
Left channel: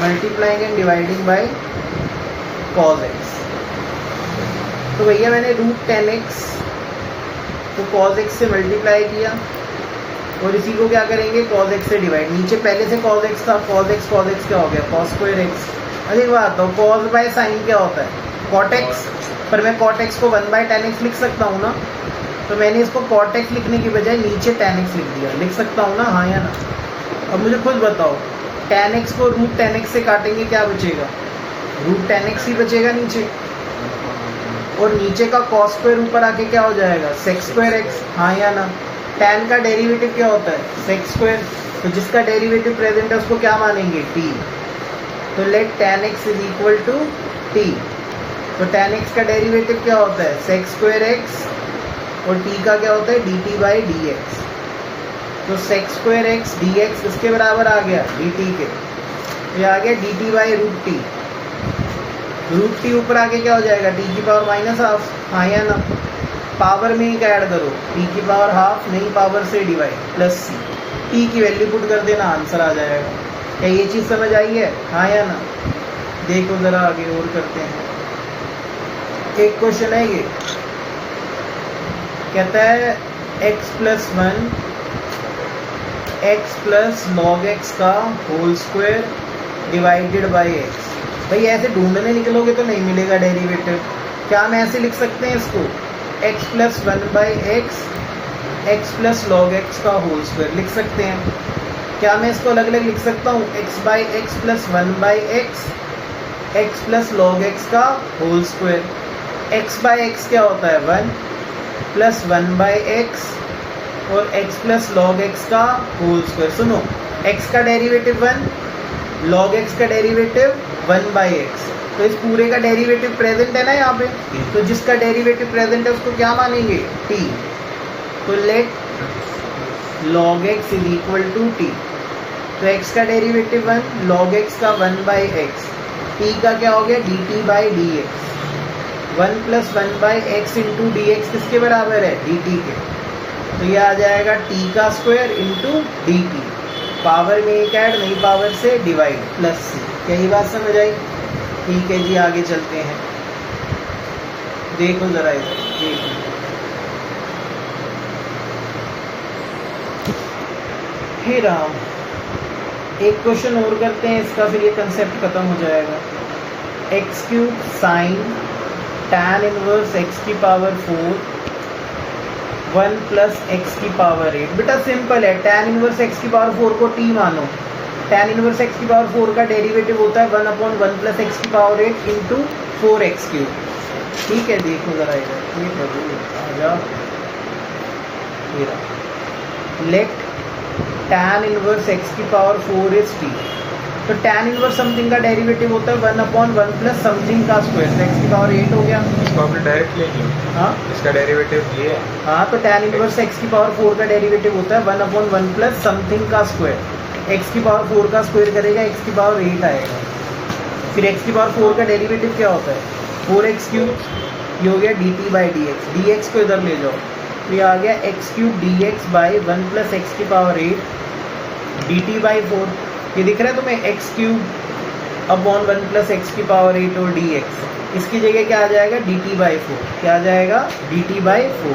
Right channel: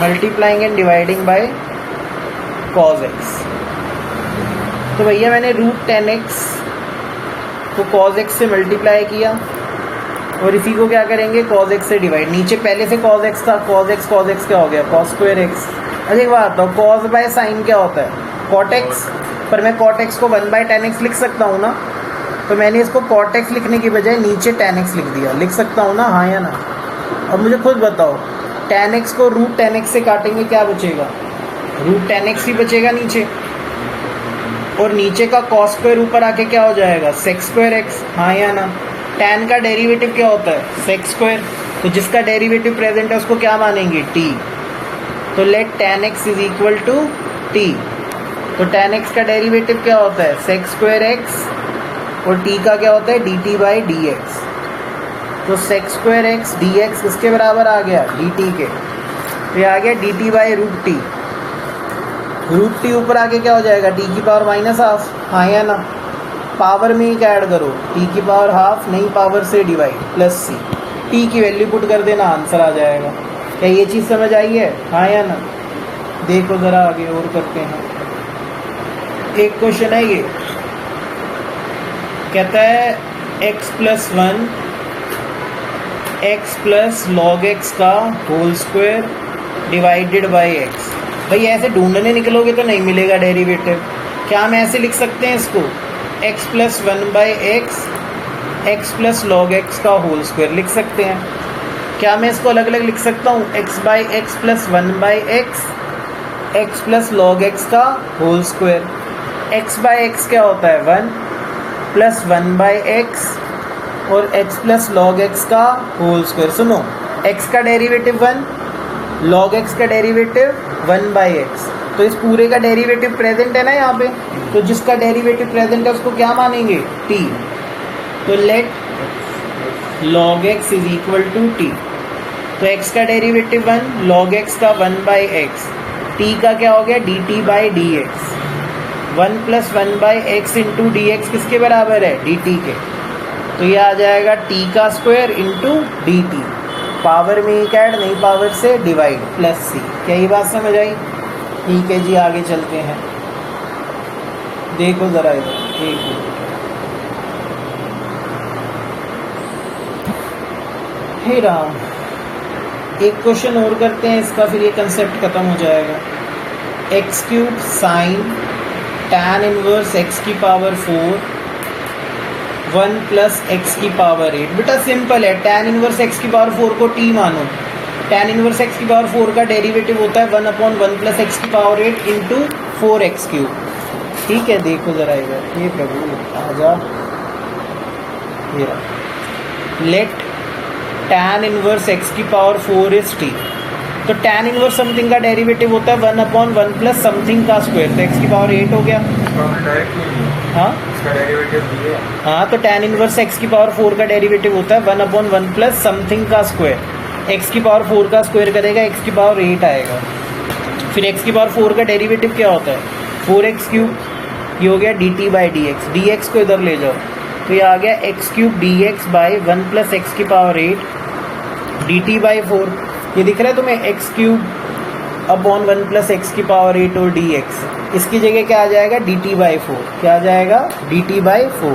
Multiplying and dividing by cos x. तो भैया मैंने रूट tan x को कॉज एक्स से मल्टीप्लाई किया और इसी को क्या करेंगे, कॉज एक्स से डिवाइड। नीचे पहले से कॉज एक्स था, कॉज एक्स क्या हो गया, कॉस स्क्वायर एक्स। अरे बात बताओ, कॉज बाय साइन क्या होता है, कॉट एक्स। पर मैं कॉट एक्स को 1/tan x लिख सकता हूँ ना, तो मैंने इसको कॉट एक्स लिखने की बजाय नीचे tan x लिख दिया। लिख सकता हूँ ना, हाँ या ना। अब मुझे खुद बताओ, tan x को रूट tan x से काटेंगे क्या बचेगा, रूट tan x ही बचेगा नीचे, और नीचे का कॉस स्क्वायर ऊपर आके क्या हो जाएगा, सेक स्क्वायर एक्स, हाँ या ना। tan का डेरिवेटिव क्या होता है, सेक स्क्वायर। तो जिसका डेरिवेटिव प्रेजेंट है उसको क्या मानेंगे, t। तो let tan x is equal to t। तो tan x का डेरिवेटिव क्या होता है, सेक स्क्वायर एक्स, और t का क्या होता है, dt बाई डी एक्स। तो sec square x D x किसके बराबर आ गया, dt के। तो ये आ गया dt by root t. Root t ऊपर आके क्या हो जाएगा, टी की पावर माइनस हाफ, हाँ या ना। पावर में ही क्या ऐड करो, टी की पावर हाफ, नई पावर से डिवाइड प्लस सी। टी की वैल्यू पुट कर देना, आंसर आ जाएगा। क्या ये चीज़ समझ आई है, हाँ या ना। देखो ज़रा आगे और करते हैं। एक क्वेश्चन है ये, कहता है x plus 1 x plus log x का whole square divided by x. भाई ऐसे ढूंढने निकलोगे तो नहीं मिलेगा डेरिवेटिव। क्या हम ऐसे लिख सकते हैं इसको, x plus 1 by x plus log x का होल स्क्वायर लिख सकते हैं। क्या मैं इसको अलग अलग लिख सकता हूँ, x by x plus 1 by x plus log x का whole square. x by x क्या होता है, 1 प्लस 1 बाई एक्स और x प्लस लॉग एक्स का होल स्क्वायर। सुनो, x का डेरिवेटिव 1, लॉग एक्स का डेरिवेटिव 1 बाई एक्स। तो इस पूरे का डेरिवेटिव प्रेजेंट है ना यहाँ पे, तो जिसका डेरिवेटिव प्रेजेंट है उसको क्या मानेंगे, t। तो let log x is equal to t। तो x का डेरिवेटिव 1, log x का 1 बाई एक्स, t का क्या हो गया, dt by D x. 1 plus 1 by x into D x किसके बराबर है, dt के। तो ये आ जाएगा t का स्क्वायर इंटू dt। पावर में एक ऐड, नई पावर से डिवाइड प्लस सी। क्या ये बात समझ आई, ठीक है जी। आगे चलते हैं, देखो जरा इधर, हे राम। एक क्वेश्चन और करते हैं इसका, फिर ये कंसेप्ट खत्म हो जाएगा। X cube sign tan inverse x की पावर 4 1 प्लस एक्स की पावर 8। बेटा सिंपल है, tan इनवर्स एक्स की पावर 4 को t मानो। tan इनवर्स एक्स की पावर 4 का डेरिवेटिव होता है 1/1 प्लस एक्स की पावर 8 इंटू 4x क्यूब। ठीक है, देखो जरा इधर, ये प्रभु आजा, लेट tan इनवर्स एक्स की पावर 4 इज t। तो tan इनवर्स समथिंग का डेरिवेटिव होता है 1/1 प्लस समथिंग का स्क्वायर। तो x की पावर 8 हो गया। हाँ, इसका डेरिवेटिव ये है। हाँ, तो tan इनवर्स x की पावर 4 का डेरिवेटिव होता है 1/1 प्लस समथिंग का स्क्वायर। x की पावर 4 का स्क्वायर करेगा, x की पावर 8 आएगा। फिर x की पावर 4 का डेरिवेटिव क्या होता है, 4x क्यूब ये हो गया D T by D x, D x को इधर ले जाओ तो ये आ गया x cube D x by 1 + x⁴ D T by 4। ये दिख रहा है तुम्हें एक्स क्यूब अपॉन 1 + x⁴ और डी एक्स, इसकी जगह क्या आ जाएगा डी टी बाई 4, क्या आ जाएगा D T by 4,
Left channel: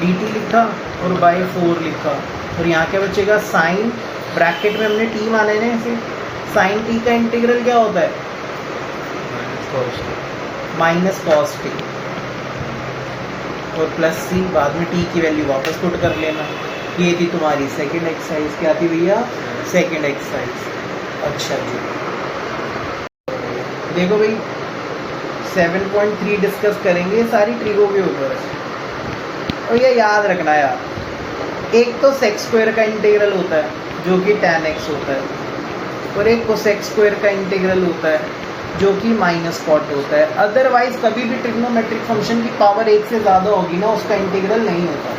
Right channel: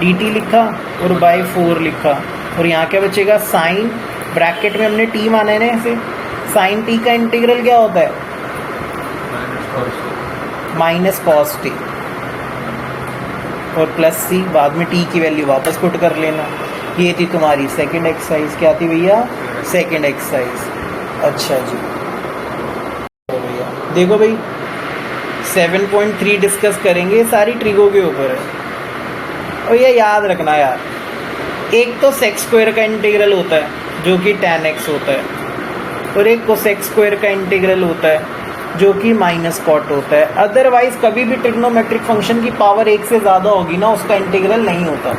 D T लिखा और बाई 4 लिखा, और यहाँ क्या बचेगा साइन, ब्रैकेट में हमने टी माना है ना ऐसे, साइन टी का इंटीग्रल क्या होता है माइनस कॉस टी, और प्लस सी, बाद में टी की वैल्यू वापस पुट कर लेना। ये थी तुम्हारी सेकंड एक्सरसाइज, क्या थी भैया सेकंड एक्सरसाइज। अच्छा जी देखो भाई 7.3 डिस्कस करेंगे, सारी ट्रिगो के ऊपर है, और ये याद रखना यार, एक तो सेक स्क्वायर का इंटीग्रल होता है जो कि tan x होता है, और एक कोसेक स्क्वायर का इंटीग्रल होता है जो कि माइनस कॉट होता है। अदरवाइज कभी भी ट्रिग्नोमेट्रिक फंक्शन की पावर 1 से ज़्यादा होगी ना, उसका इंटीग्रल नहीं होता,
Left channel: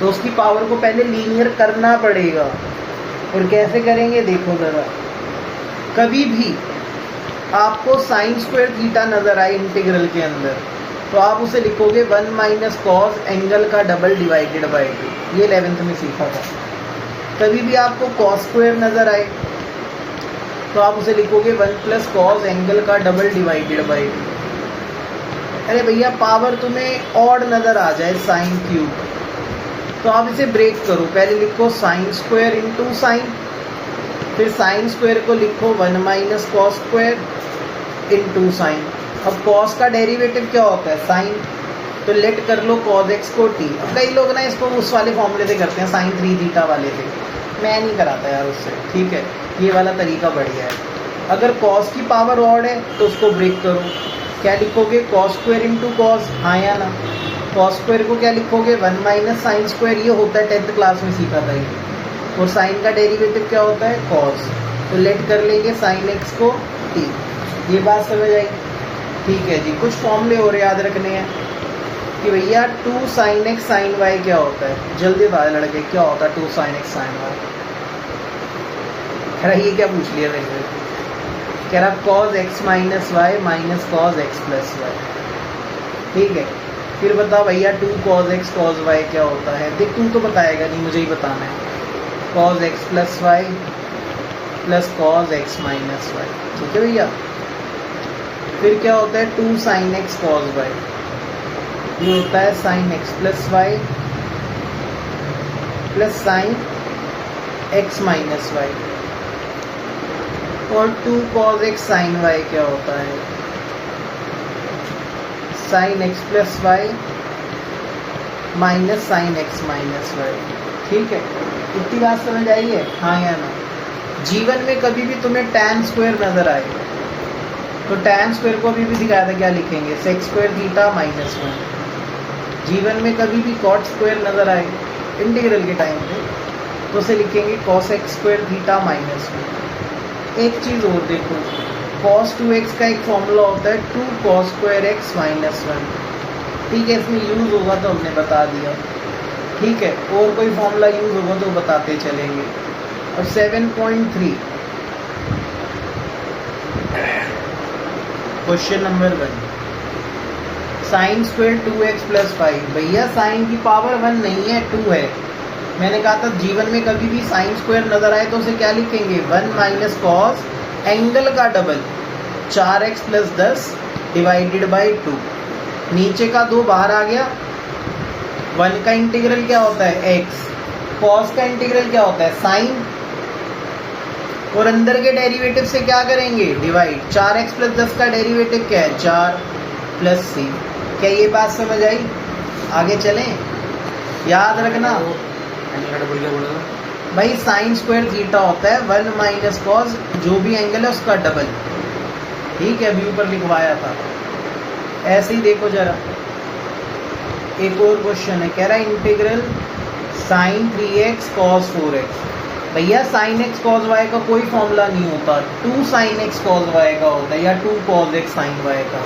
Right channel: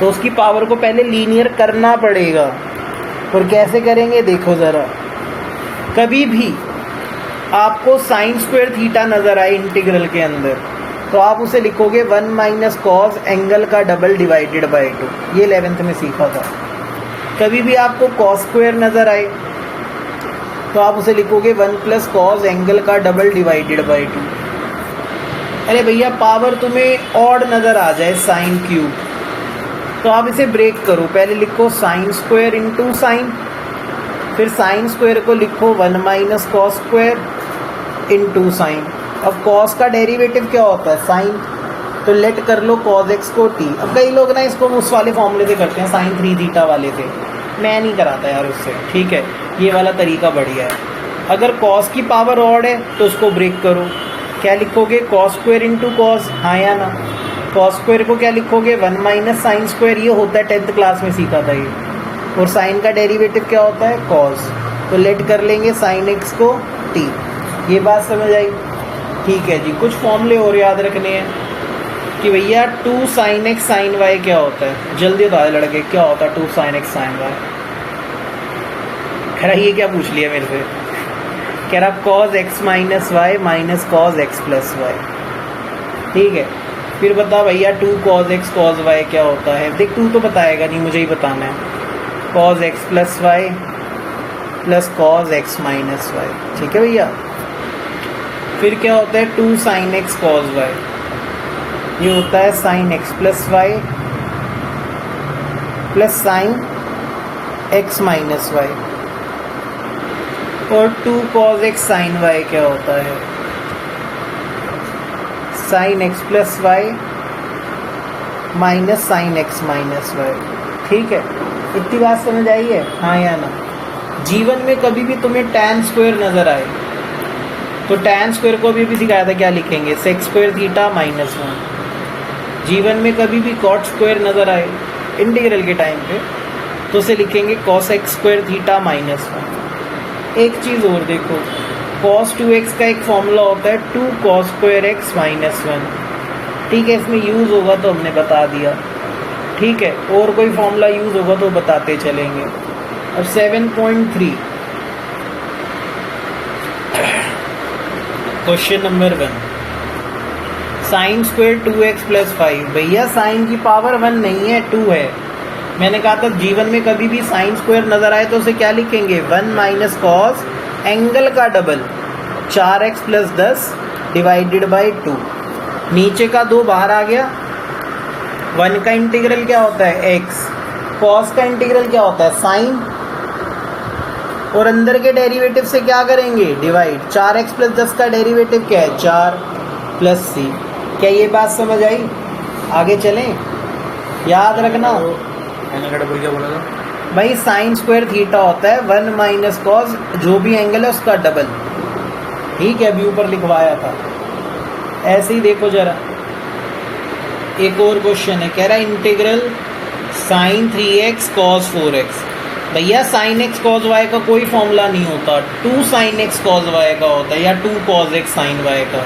तो उसकी पावर को पहले लीनियर करना पड़ेगा। और कैसे करेंगे देखो ज़रा, कभी भी आपको साइन स्क्वायर थीटा नज़र आए इंटीग्रल के अंदर, तो आप उसे लिखोगे 1 - कॉस एंगल का डबल डिवाइडेड बाई 2, ये 11th में सीखा था। कभी भी आपको कॉस स्क्वायर नज़र आए तो आप उसे लिखोगे 1 + कॉस एंगल का डबल डिवाइडेड बाई 2। अरे भैया पावर तुम्हें ऑड नज़र आ जाए साइन क्यूब, तो आप इसे ब्रेक करो, पहले लिखो साइन स्क्वायर इंटू साइन, फिर साइन स्क्वायर को लिखो 1 - कॉस स्क्वायर इंटू साइन। अब कॉस का डेरिवेटिव क्या होता है साइन, तो लेट कर लो कॉस एक्स को टी। अब कई लोग ना इसको उस वाले फॉर्मूले से करते हैं साइन 3 थीटा वाले से, मैं नहीं कराता यार उससे, ठीक है ये वाला तरीका बढ़िया है। अगर कॉस की पावर ऑड है तो उसको ब्रेक करो, क्या लिखोगे कॉस स्क्वायर इंटू कॉस, हाँ या ना। कॉस स्क्वायर को क्या लिखोगे 1 - साइन स्क्वायर, ये होता है 10th क्लास में सीखा था ये, और साइन का डेरिवेटिव क्या होता है कॉस, तो लेट कर लेंगे साइन एक्स को टी। ये बात समझ आई, ठीक है जी। कुछ फॉर्मूले और याद रखने हैं कि भैया 2 sin x sin y क्या होता है, जल्दी बता लड़के क्या होता है 2 sin x sin y। कह रहा ये क्या पूछ लिया मेरे से, कह रहा cos x - y minus cos x + y, ठीक है। फिर बता भैया 2 cos x cos y क्या होता है, देख तू तो बताएगा नहीं, मुझे ही बताना है, cos x + y plus cos x - y, ठीक है भैया। फिर क्या होता है 2 sin x cos y, ये होता है sin x + y plus sin x - y, और 2 cos x sin y क्या होता है sin x + y minus sin x - y, ठीक है। इतनी बात समझ आई है, हाँ या ना। जीवन में कभी भी तुम्हें tan स्क्वायर नजर आए तो tan स्क्वायर को अभी भी दिखाया था, क्या लिखेंगे सेक स्क्वायर थीटा -1। जीवन में कभी भी कॉट स्क्वायर नजर आए इंटीग्रल के टाइम पे तो उसे लिखेंगे cosec स्क्वायर थीटा -1। एक चीज़ और देखो, cos 2x का एक फॉर्मूला होता है 2 cos स्क्वायर x -1, ठीक है, इसमें यूज़ होगा तो हमने बता दिया, ठीक है। और कोई फॉर्मूला यूज़ होगा तो बताते चलेंगे। अब 7.3 question number 1, sine square 2x + 5। भैया साइन की पावर 1 नहीं है 2 है, मैंने कहा था जीवन में कभी भी साइन स्क्वायर नजर आए तो उसे क्या लिखेंगे 1 - कॉस एंगल का डबल 4x + 10 डिवाइडेड बाई 2। नीचे का 2 बाहर आ गया, 1 का इंटीग्रल क्या होता है x, कॉस का इंटीग्रल क्या होता है साइन, और अंदर के डेरिवेटिव से क्या करेंगे डिवाइड, 4x + 10 का डेरिवेटिव क्या है 4 प्लस c। क्या ये बात समझ आई, आगे चलें, याद रखना भाई साइन स्क्वायर थीटा होता है 1 - कॉस जो भी एंगल है उसका डबल, ठीक है, अभी ऊपर लिखवाया था। ऐसे ही देखो जरा, एक और क्वेश्चन है, कह रहा है integral sign 3x cos 4x। भैया साइन एक्स कॉस वाई का कोई फॉर्मूला नहीं होता, 2 sin x cos y का होता है या 2 cos x sin y का।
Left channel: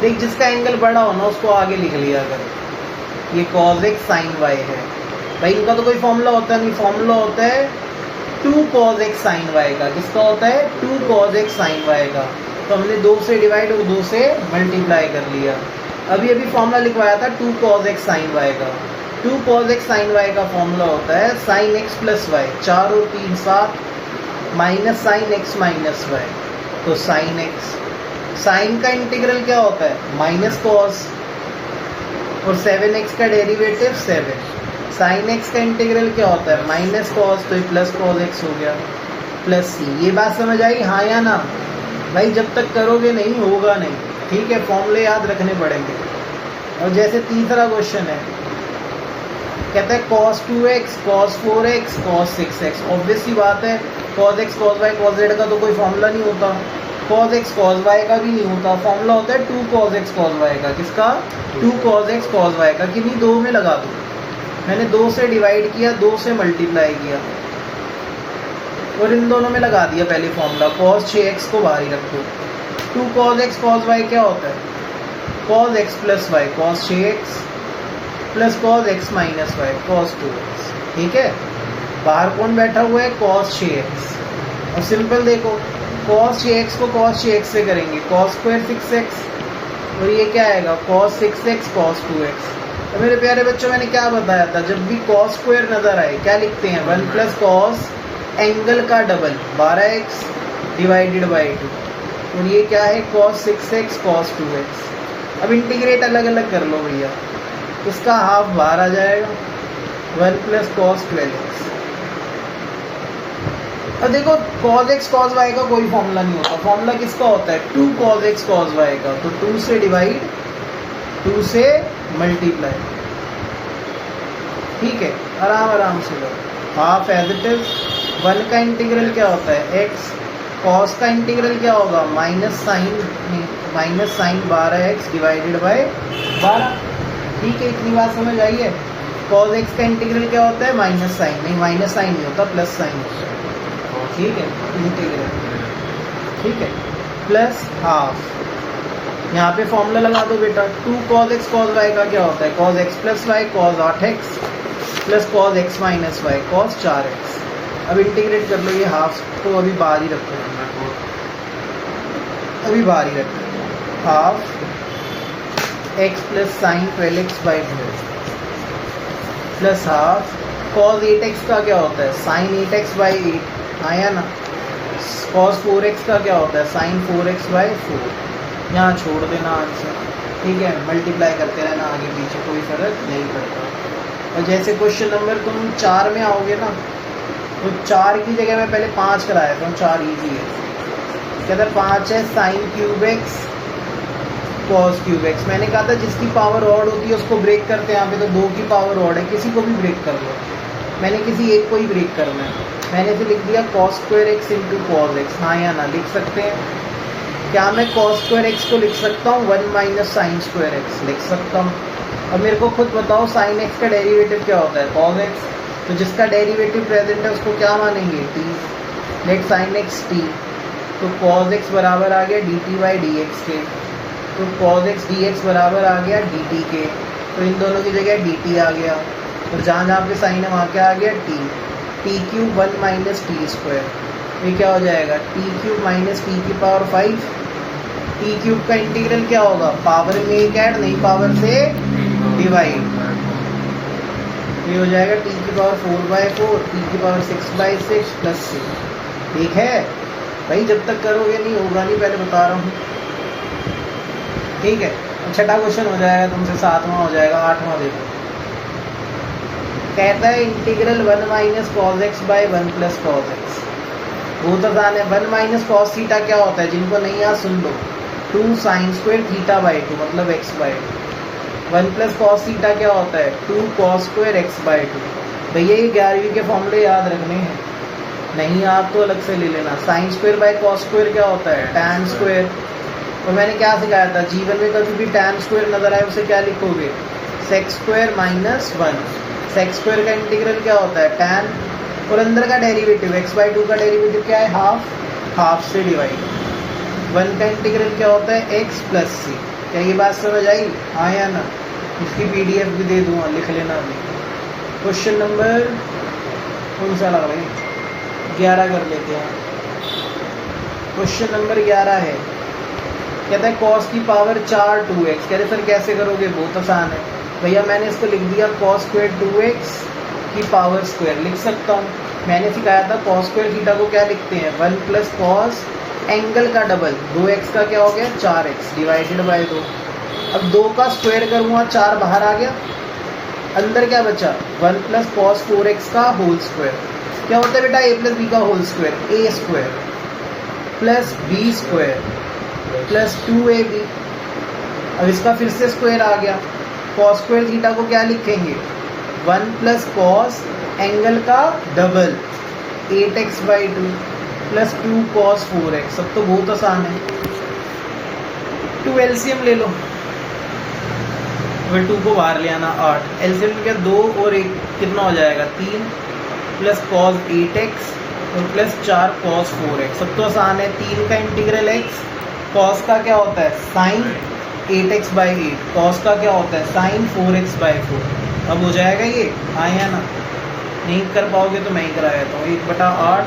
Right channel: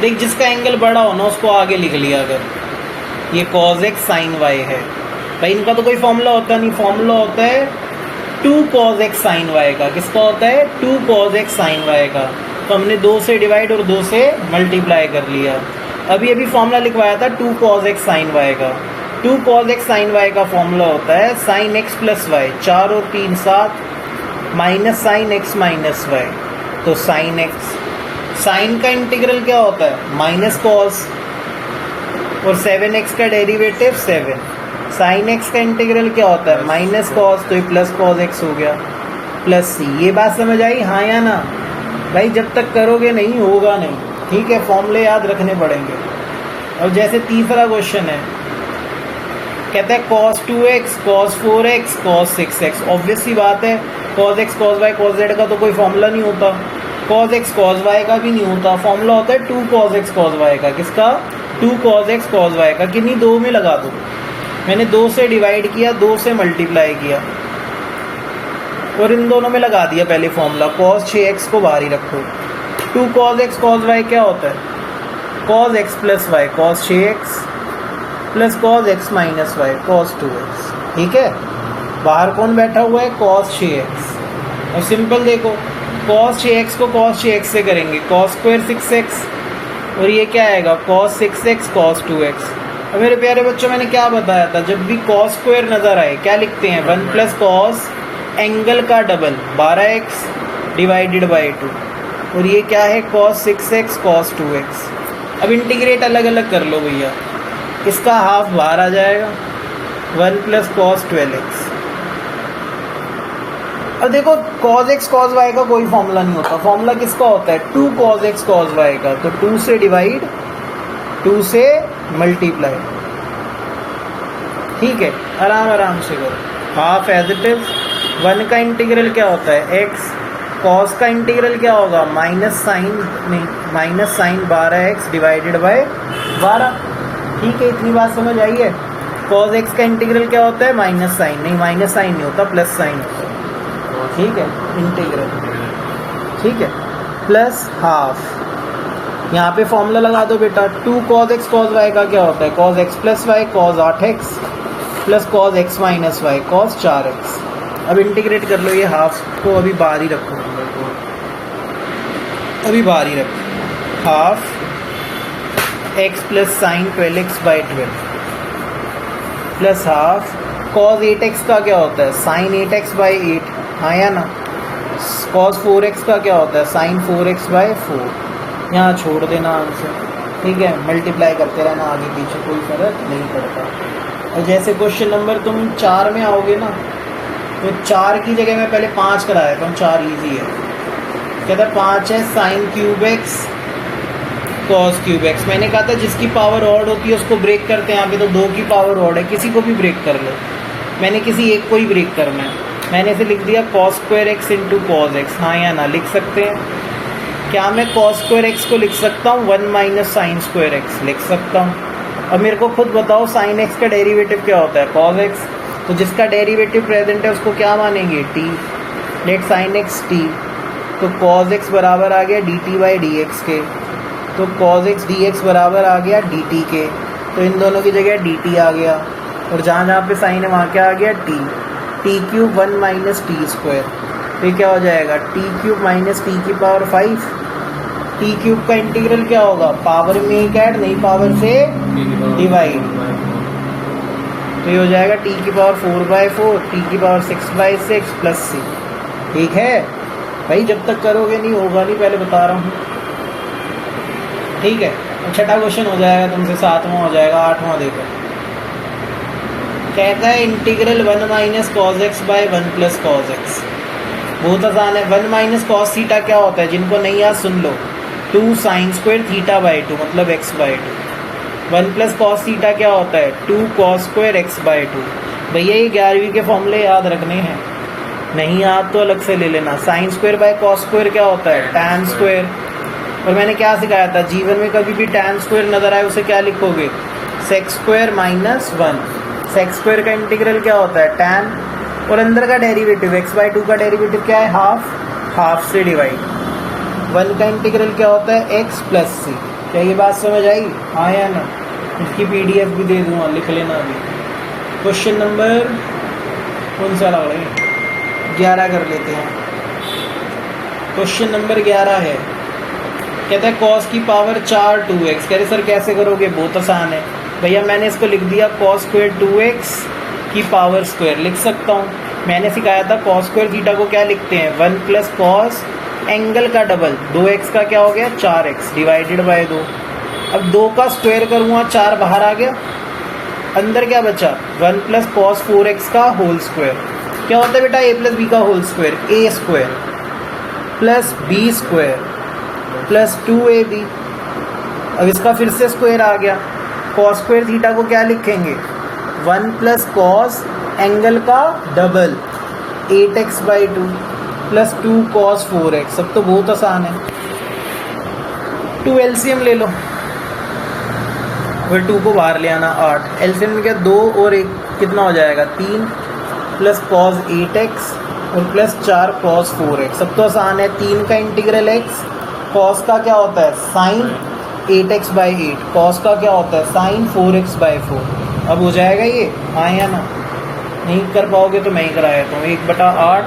देख जिसका एंगल बड़ा हो ना उसको आगे लिख लिया, अगर ये cos x sin y है भाई, इनका तो कोई फॉर्मूला होता नहीं, फॉर्मूला होता है 2 cos x sin y का। किसका होता है 2 cos x sin y का। तो हमने 2 से डिवाइड और 2 से मल्टीप्लाई कर लिया। अभी अभी फॉर्मूला लिखवाया था 2 cos x sin y का। 2 cos x sin y का फॉर्मूला होता है sin x प्लस वाई, 4 और 3 7, minus sine x minus y. तो sin x, साइन का इंटीग्रल क्या होता है माइनस कॉस, और 7x का डेरिवेटिव 7। साइन x का इंटीग्रल क्या होता है माइनस कॉस, तो ये प्लस कॉस x हो गया, प्लस c। ये बात समझ आई हाँ या ना भाई? जब तक करोगे नहीं होगा नहीं, ठीक है, फॉर्मूले याद रखने पड़ेंगे। और जैसे तीसरा क्वेश्चन है, कहता है cos 2x, cos 4x, cos 6x। Obvious सी बात है, cos x cos y cos z का तो कोई फॉर्मूला नहीं होता, cos x cos y का भी नहीं होता। फॉर्मूला होता है 2 cos x cos y का। किसका? 2 cos x cos y का। किन्हीं 2 में लगा दो। मैंने 2 से डिवाइड किया, 2 से मल्टीप्लाई किया और इन दोनों में लगा दिया पहले फॉर्मूला। cos 6x को बाहर ही रखो। 2 cos x cos y क्या होता है? cos x plus y, cos 6x plus cos x minus y, cos 2x। ठीक है, बाहर कौन बैठा हुआ है? cos 6x। और सिंपल देखो, cos 6x को cos 6x से करेंगे, cos स्क्वायर 6x, और ये क्या आएगा cos 6x cos 2x। और मेरे प्यारे बच्चों, मैंने क्या बताया था, जब भी cos स्क्वायर नजर आए क्या लिखते हैं? 1 प्लस cos एंगल का डबल 12x डिवाइडेड बाई 2, और ये क्या है cos 6x cos 2x। अब इंटीग्रेट अलग अलग कर लो भैया, इसका हाफ बाहर आ जाएगा, 1 प्लस cos 12x। अब देखो cos x cos y का कोई फॉर्मूला नहीं होता, फॉर्मूला किसका होता है? 2 cos x cos y का। तो 2 से डिवाइड, 2 से मल्टीप्लाई। ठीक है, आराम आराम से करो। Half as it is. 1 का इंटीग्रल क्या होता है? x। cos का इंटीग्रल क्या होगा? Minus sine 12x divided by 12। ठीक है, इतनी बात समझ आई है? cos x का इंटीग्रल क्या होता है? माइनस साइन, नहीं माइनस साइन नहीं होता, प्लस साइन। ठीक है, इंटीग्रल, ठीक है, प्लस हाफ। यहाँ पे फॉर्मूला लगा दो बेटा। 2 cos x cos y का क्या होता है? cos x plus y cos 8x plus cos x minus y cos 4x। अब इंटीग्रेट कर लो, ये हाफ को अभी बाहर ही रखो, अभी बाहर ही रखो। Half x plus sign 12x by 12 plus half cos 8x का क्या होता है? साइन 8x बाई 8, हाँ या ना? cos 4x का क्या होता है? Sine 4x by 4। यहाँ छोड़ देना आंसर, ठीक है, मल्टीप्लाई करते रहना आगे पीछे, कोई फर्क नहीं पड़ता। और जैसे क्वेश्चन नंबर तुम 4 में आओगे ना, तो 4 की जगह मैं पहले 5 कराया था, 4 इजी है। कहता है 5 है sine cube x cos cube x. मैंने कहा था जिसकी पावर ऑड होती है उसको ब्रेक करते हैं, यहाँ पे तो 2 की पावर ऑड है, किसी को भी ब्रेक कर लो, मैंने किसी एक को ही ब्रेक करना है। मैंने इसे लिख दिया cos square x into cos x. हाँ या ना? लिख सकते हैं क्या? मैं cos स्क्वायर एक्स को लिख सकता हूँ 1 माइनस साइन स्क्वायर एक्स, लिख सकता हूँ। अब मेरे को खुद बताओ साइन एक्स का डेरिवेटिव क्या होता है? cos x. तो जिसका डेरिवेटिव प्रेजेंट है उसको क्या मानेंगे? t। Late sine x t, तो cos एक्स बराबर आ गया dt बाई डी एक्स के, तो cos एक्स डी एक्स बराबर आ गया dt के, तो इन दोनों की जगह dt आ गया, और जहाँ जहाँ पे साइन है वहाँ क्या आ गया? t। T cube 1 minus T square, तो ये क्या हो जाएगा? टी क्यूब माइनस टी की पावर 5। टी क्यूब का इंटीग्रल क्या होगा? पावर में एक ऐड, नहीं पावर से डिवाइड, तो ये हो जाएगा टी की पावर 4/4, टी की पावर 6/6 प्लस c। ठीक है भाई, जब तक करोगे नहीं होगा नहीं, पहले बता रहा हूँ। ठीक है, छठा क्वेश्चन हो जाएगा तुमसे, 7वां हो जाएगा। 8वां देखो, कहता है integral 1 minus cos x by 1 plus cos x. बहुत आसान है। 1 माइनस कॉस थीटा क्या होता है? जिनको नहीं याद सुन लो, 2 साइन स्क्वायर थीटा बाई 2 मतलब x by 2। 1 plus cos theta क्या होता है? 2 कॉस स्क्वायर x बाई 2। भैया ये 11वीं के फॉर्मूले याद रखने हैं, नहीं याद तो अलग से ले लेना। Sine square by cos square क्या होता है? Tan square. और मैंने क्या सिखाया था? जीवन में कभी भी टैन स्क्वायर नजर आए उसे क्या लिखोगे? Sec square minus 1। Sec square का इंटीग्रल क्या होता है? टैन, और अंदर का डेरिवेटिव x बाई 2 का डेरिवेटिव क्या है? हाफ, हाफ से डिवाइड। 1 का इंटीग्रल क्या होता है? x प्लस सी। क्या ये बात समझ आई? हाँ या ना? इसकी PDF भी दे दूँगा, लिख लेना अभी। क्वेश्चन नंबर कौन सा लग रहा है? 11 कर लेते हैं। क्वेश्चन नंबर 11 है, कहता है कॉस की पावर 4 2x। कह रहे सर कैसे करोगे, बहुत आसान है भैया, मैंने इसको लिख दिया कॉस स्क्वायर 2x की पावर स्क्वायर लिख सकता हूँ। मैंने सिखाया था कॉस स्क्वायर थीटा को क्या लिखते हैं, 1 प्लस कॉस एंगल का डबल 2x का क्या हो गया 4x डिवाइडेड बाय 2। अब 2 का स्क्वायर करूँगा 4 बाहर आ गया, अंदर क्या बचा 1 प्लस कॉस 4x का होल स्क्वायर। क्या होता है बेटा a प्लस बी का होल स्क्वायर, a स्क्वायर plus b square plus 2ab। अब इसका फिर से स्क्वायर आ गया, कॉस स्क्वायर थीटा को क्या लिखेंगे 1 प्लस कॉस एंगल का double 8x by 2 plus 2 cos 4x। सब तो बहुत आसान है। 2 एलसीएम ले लो, फिर 2 को बाहर ले आना 8, एलसीएम में क्या 2 और 1 कितना हो जाएगा 3 प्लस कॉस 8x और प्लस 4 कॉस 4x। सब तो आसान है। 3 का इंटीग्रल x, कॉस का क्या होता है साइन 8x बाई 8, कॉस का क्या होता है साइन 4x बाई 4। अब हो जाएगा ये, हाँ या ना, नहीं कर पाओगे तो मैं ही करा देता हूँ। 1/8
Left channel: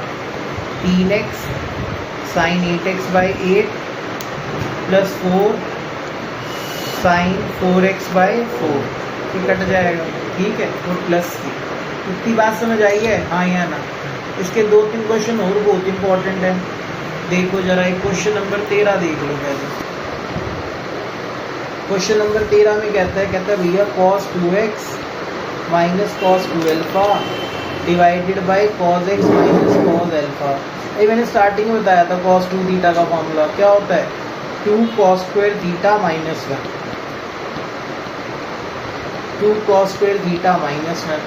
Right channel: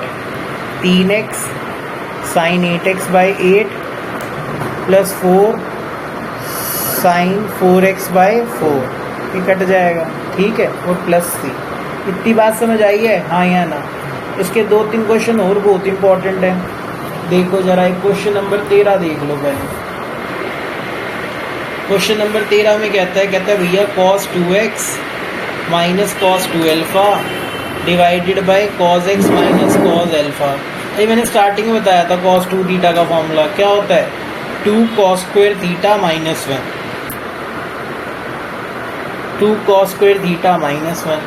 3x sine 8x by 8 plus 4 sine 4x by 4, ये कट जाएगा ठीक है, और प्लस c। इतनी बात समझ आई है, हाँ या ना। इसके 2-3 क्वेश्चन और बहुत इंपॉर्टेंट है, देखो जरा। एक क्वेश्चन नंबर 13 देख लो पहले। क्वेश्चन नंबर 13 में कहता है भैया cos 2x minus cos 2 alpha divided by cos x minus cos alpha. ये मैंने स्टार्टिंग में बताया था cos 2 थीटा का फॉर्मूला क्या होता है 2 cos square theta minus 1, 2 cos square theta minus 1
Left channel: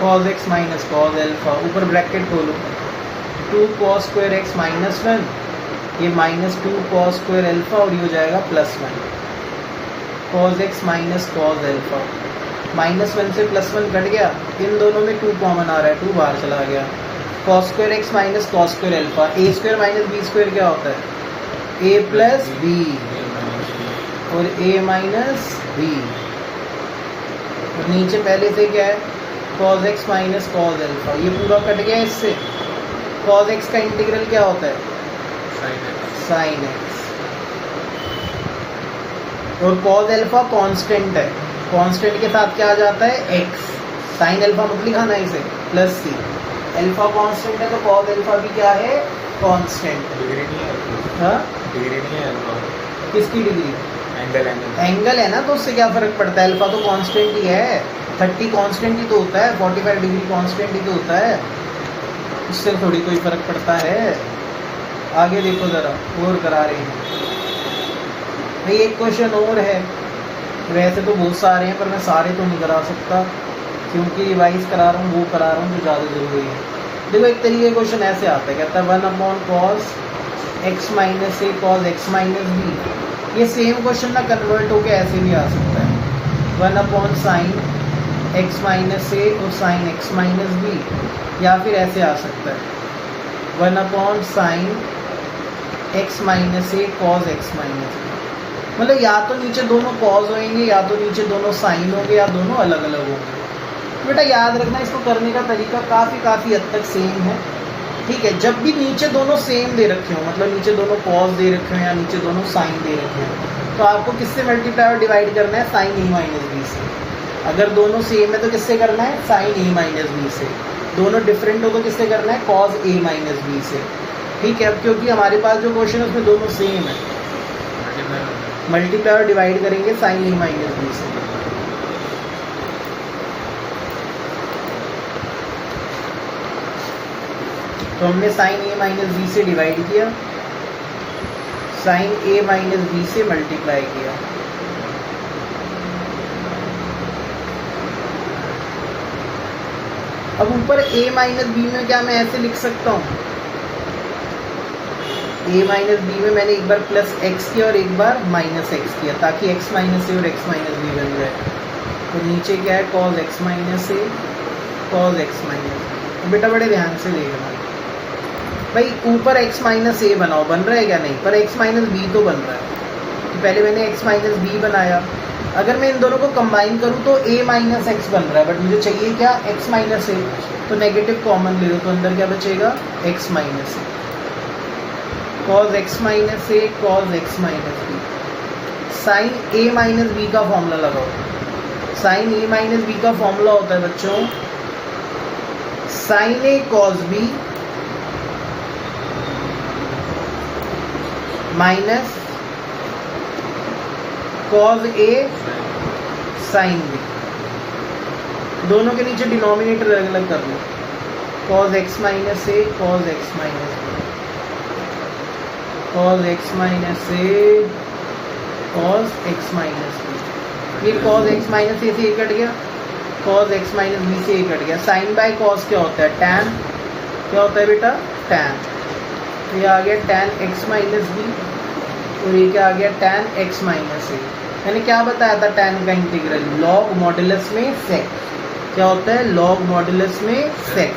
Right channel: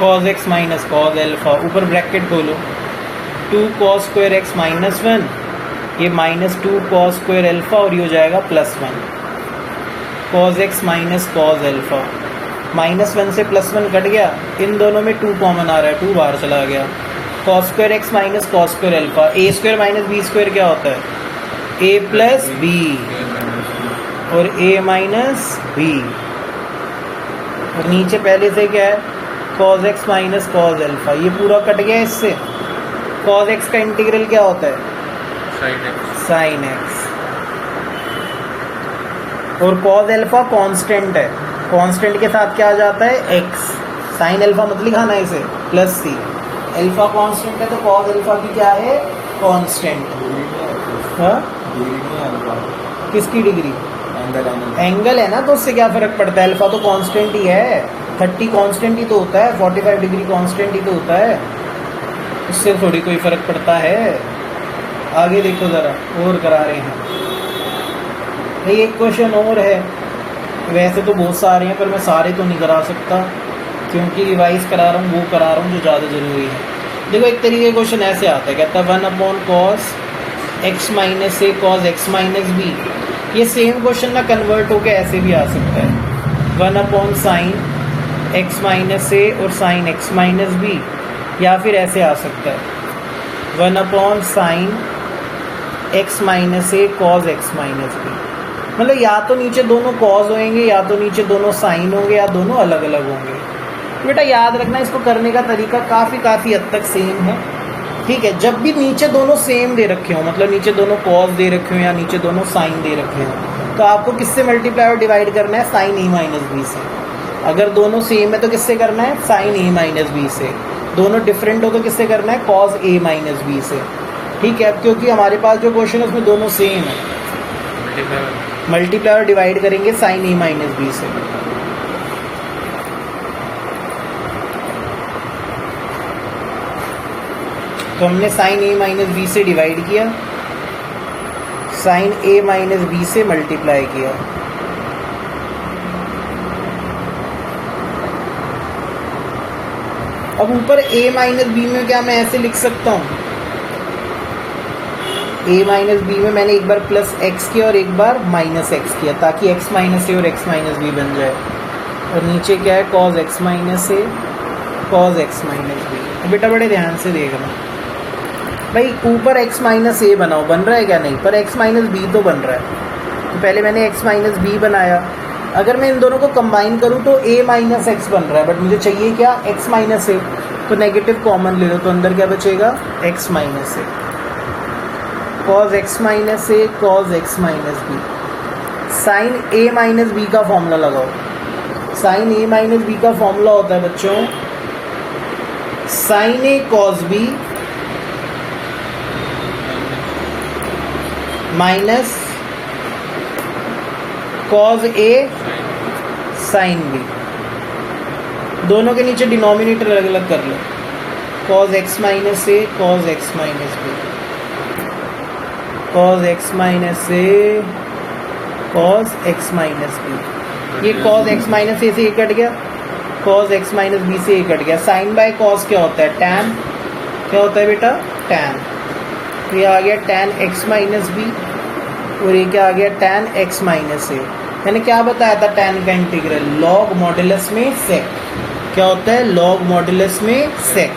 cos x minus cos alpha, ऊपर ब्रैकेट खोलो 2 cos स्क्वायर x माइनस 1, ये माइनस 2 cos स्क्वायर अल्फा और ये हो जाएगा plus 1 cos x minus cos alpha. Minus 1 से प्लस 1 कट गया, इन दोनों में 2 कॉमन आ रहा है, 2 बाहर चला गया। cos square x minus cos square alpha, a square minus b square क्या होता है a प्लस b और a माइनस b, और नीचे पहले से क्या है cos x minus cos alpha, ये पूरा कट गया इससे। cos x का इंटीग्रल क्या होता है sin x, और cos अल्फा कांस्टेंट है, कांस्टेंट के साथ क्या आ जाता है x, sin अल्फा मत लिखाना इसे प्लस c। अल्फा कांस्टेंट है तो cos अल्फा भी क्या है कांस्टेंट। हाँ किसकी डिग्री, एंगल है ना, तो उससे क्या फर्क पड़ता है, अल्फा तो कांस्टेंट ही है, 30 कांस्टेंट ही तो होता है, 45 डिग्री कांस्टेंट ही तो होता है, उससे थोड़ी कोई फर्क पड़ता है। आगे देखो जरा, और करा रहे हैं भाई। एक क्वेश्चन और है, वैसे तो बहुत सारे हैं पर मैं सारे तो नहीं करा सकता क्योंकि रिवाइज करा रहा हूँ, वो करा रहा हूँ जो ज़्यादा ज़रूरी है। देखो एक तरीके क्वेश्चन ऐसे आता है, कहता है 1 cos x माइनस ए cos x माइनस बी। ये सेम क्वेश्चन ना कन्वर्ट होकर ऐसे भी आ सकता है 1 sin x माइनस ए और sin x माइनस बी, या फिर ऐसे आ सकता है 1 sin x माइनस ए cos x माइनस बी। मतलब या तो नीचे दोनों cos होंगे या तो नीचे दोनों sin होंगे या दोनों अलग अलग होंगे। बेटा याद रखना, इसको करने का तरीका काफ़ी हद तक सेम है, ठीक है। जब भी नीचे दोनों सेम दे रखे हो, मतलब नीचे दोनों cos दे रखे हो या नीचे दोनों sin दे रखे हो, तो आपको किससे मल्टीप्लाई और डिवाइड करना है sin a माइनस बी से। अगर दोनों सेम है तो किससे करना है sin a माइनस बी से। दोनों डिफरेंट हो तो किससे करना है cos a माइनस बी से, ठीक है। क्योंकि हमारे पास जो क्वेश्चन है उसमें दोनों सेम है, मल्टीप्लाई और डिवाइड करेंगे sin a माइनस बी से। तो हमने sin a माइनस बी से डिवाइड किया, sin a माइनस बी से मल्टीप्लाई किया। अब ऊपर a माइनस बी में क्या मैं ऐसे लिख सकता हूँ, a माइनस बी में मैंने एक बार प्लस x किया और एक बार माइनस x किया, ताकि x माइनस ए और x माइनस बी बन जाए। और नीचे क्या है cos x माइनस ए cos x माइनस बी। बेटा बड़े ध्यान से देखना भाई, ऊपर x माइनस ए बनाओ, बन रहा है क्या नहीं, पर x माइनस बी तो बन रहा है। तो पहले मैंने x माइनस बी बनाया, अगर मैं इन दोनों को कंबाइन करूं तो a माइनस एक्स बन रहा है, बट मुझे चाहिए क्या x माइनस ए, तो नेगेटिव कॉमन ले लो, तो अंदर क्या बचेगा x minus a. Cos x minus a cos x minus b. Sine a minus b का फॉर्मूला लगाओ। साइन ए माइनस बी का फॉर्मूला होता है बच्चों sine a cos b minus cos a sine b. दोनों के नीचे डिनोमिनेटर अलग अलग कर लो। Cos x minus a cos x minus b cos x minus a cos x minus b. ये कॉज एक्स माइनस ए से ए कट गया, कॉज एक्स माइनस बी से ए कट गया। साइन बाय कॉस क्या होता है? टैन। क्या होता है बेटा? टैन। तो ये आ गया टैन एक्स माइनस बी और ये क्या आ गया? टैन एक्स माइनस ए। मैंने क्या बताया था टैन का इंटीग्रल? लॉग मॉडुलस में सेक। क्या होता है? लॉग मॉडुलस में सेक।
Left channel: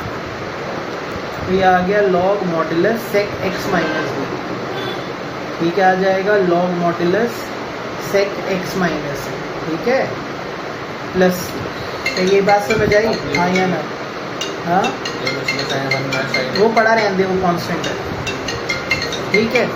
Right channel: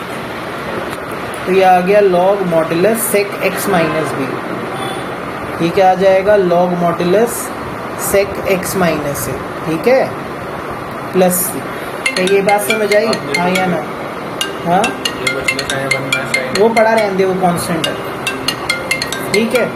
तो ये आ गया log modulus sec x minus b. ठीक है, आ जाएगा log modulus sec x minus a. ठीक है, प्लस तो ये बात समझ आई? हाँ या ना? हाँ, वो पढ़ा रहने दे, वो कांस्टेंट है। ठीक है।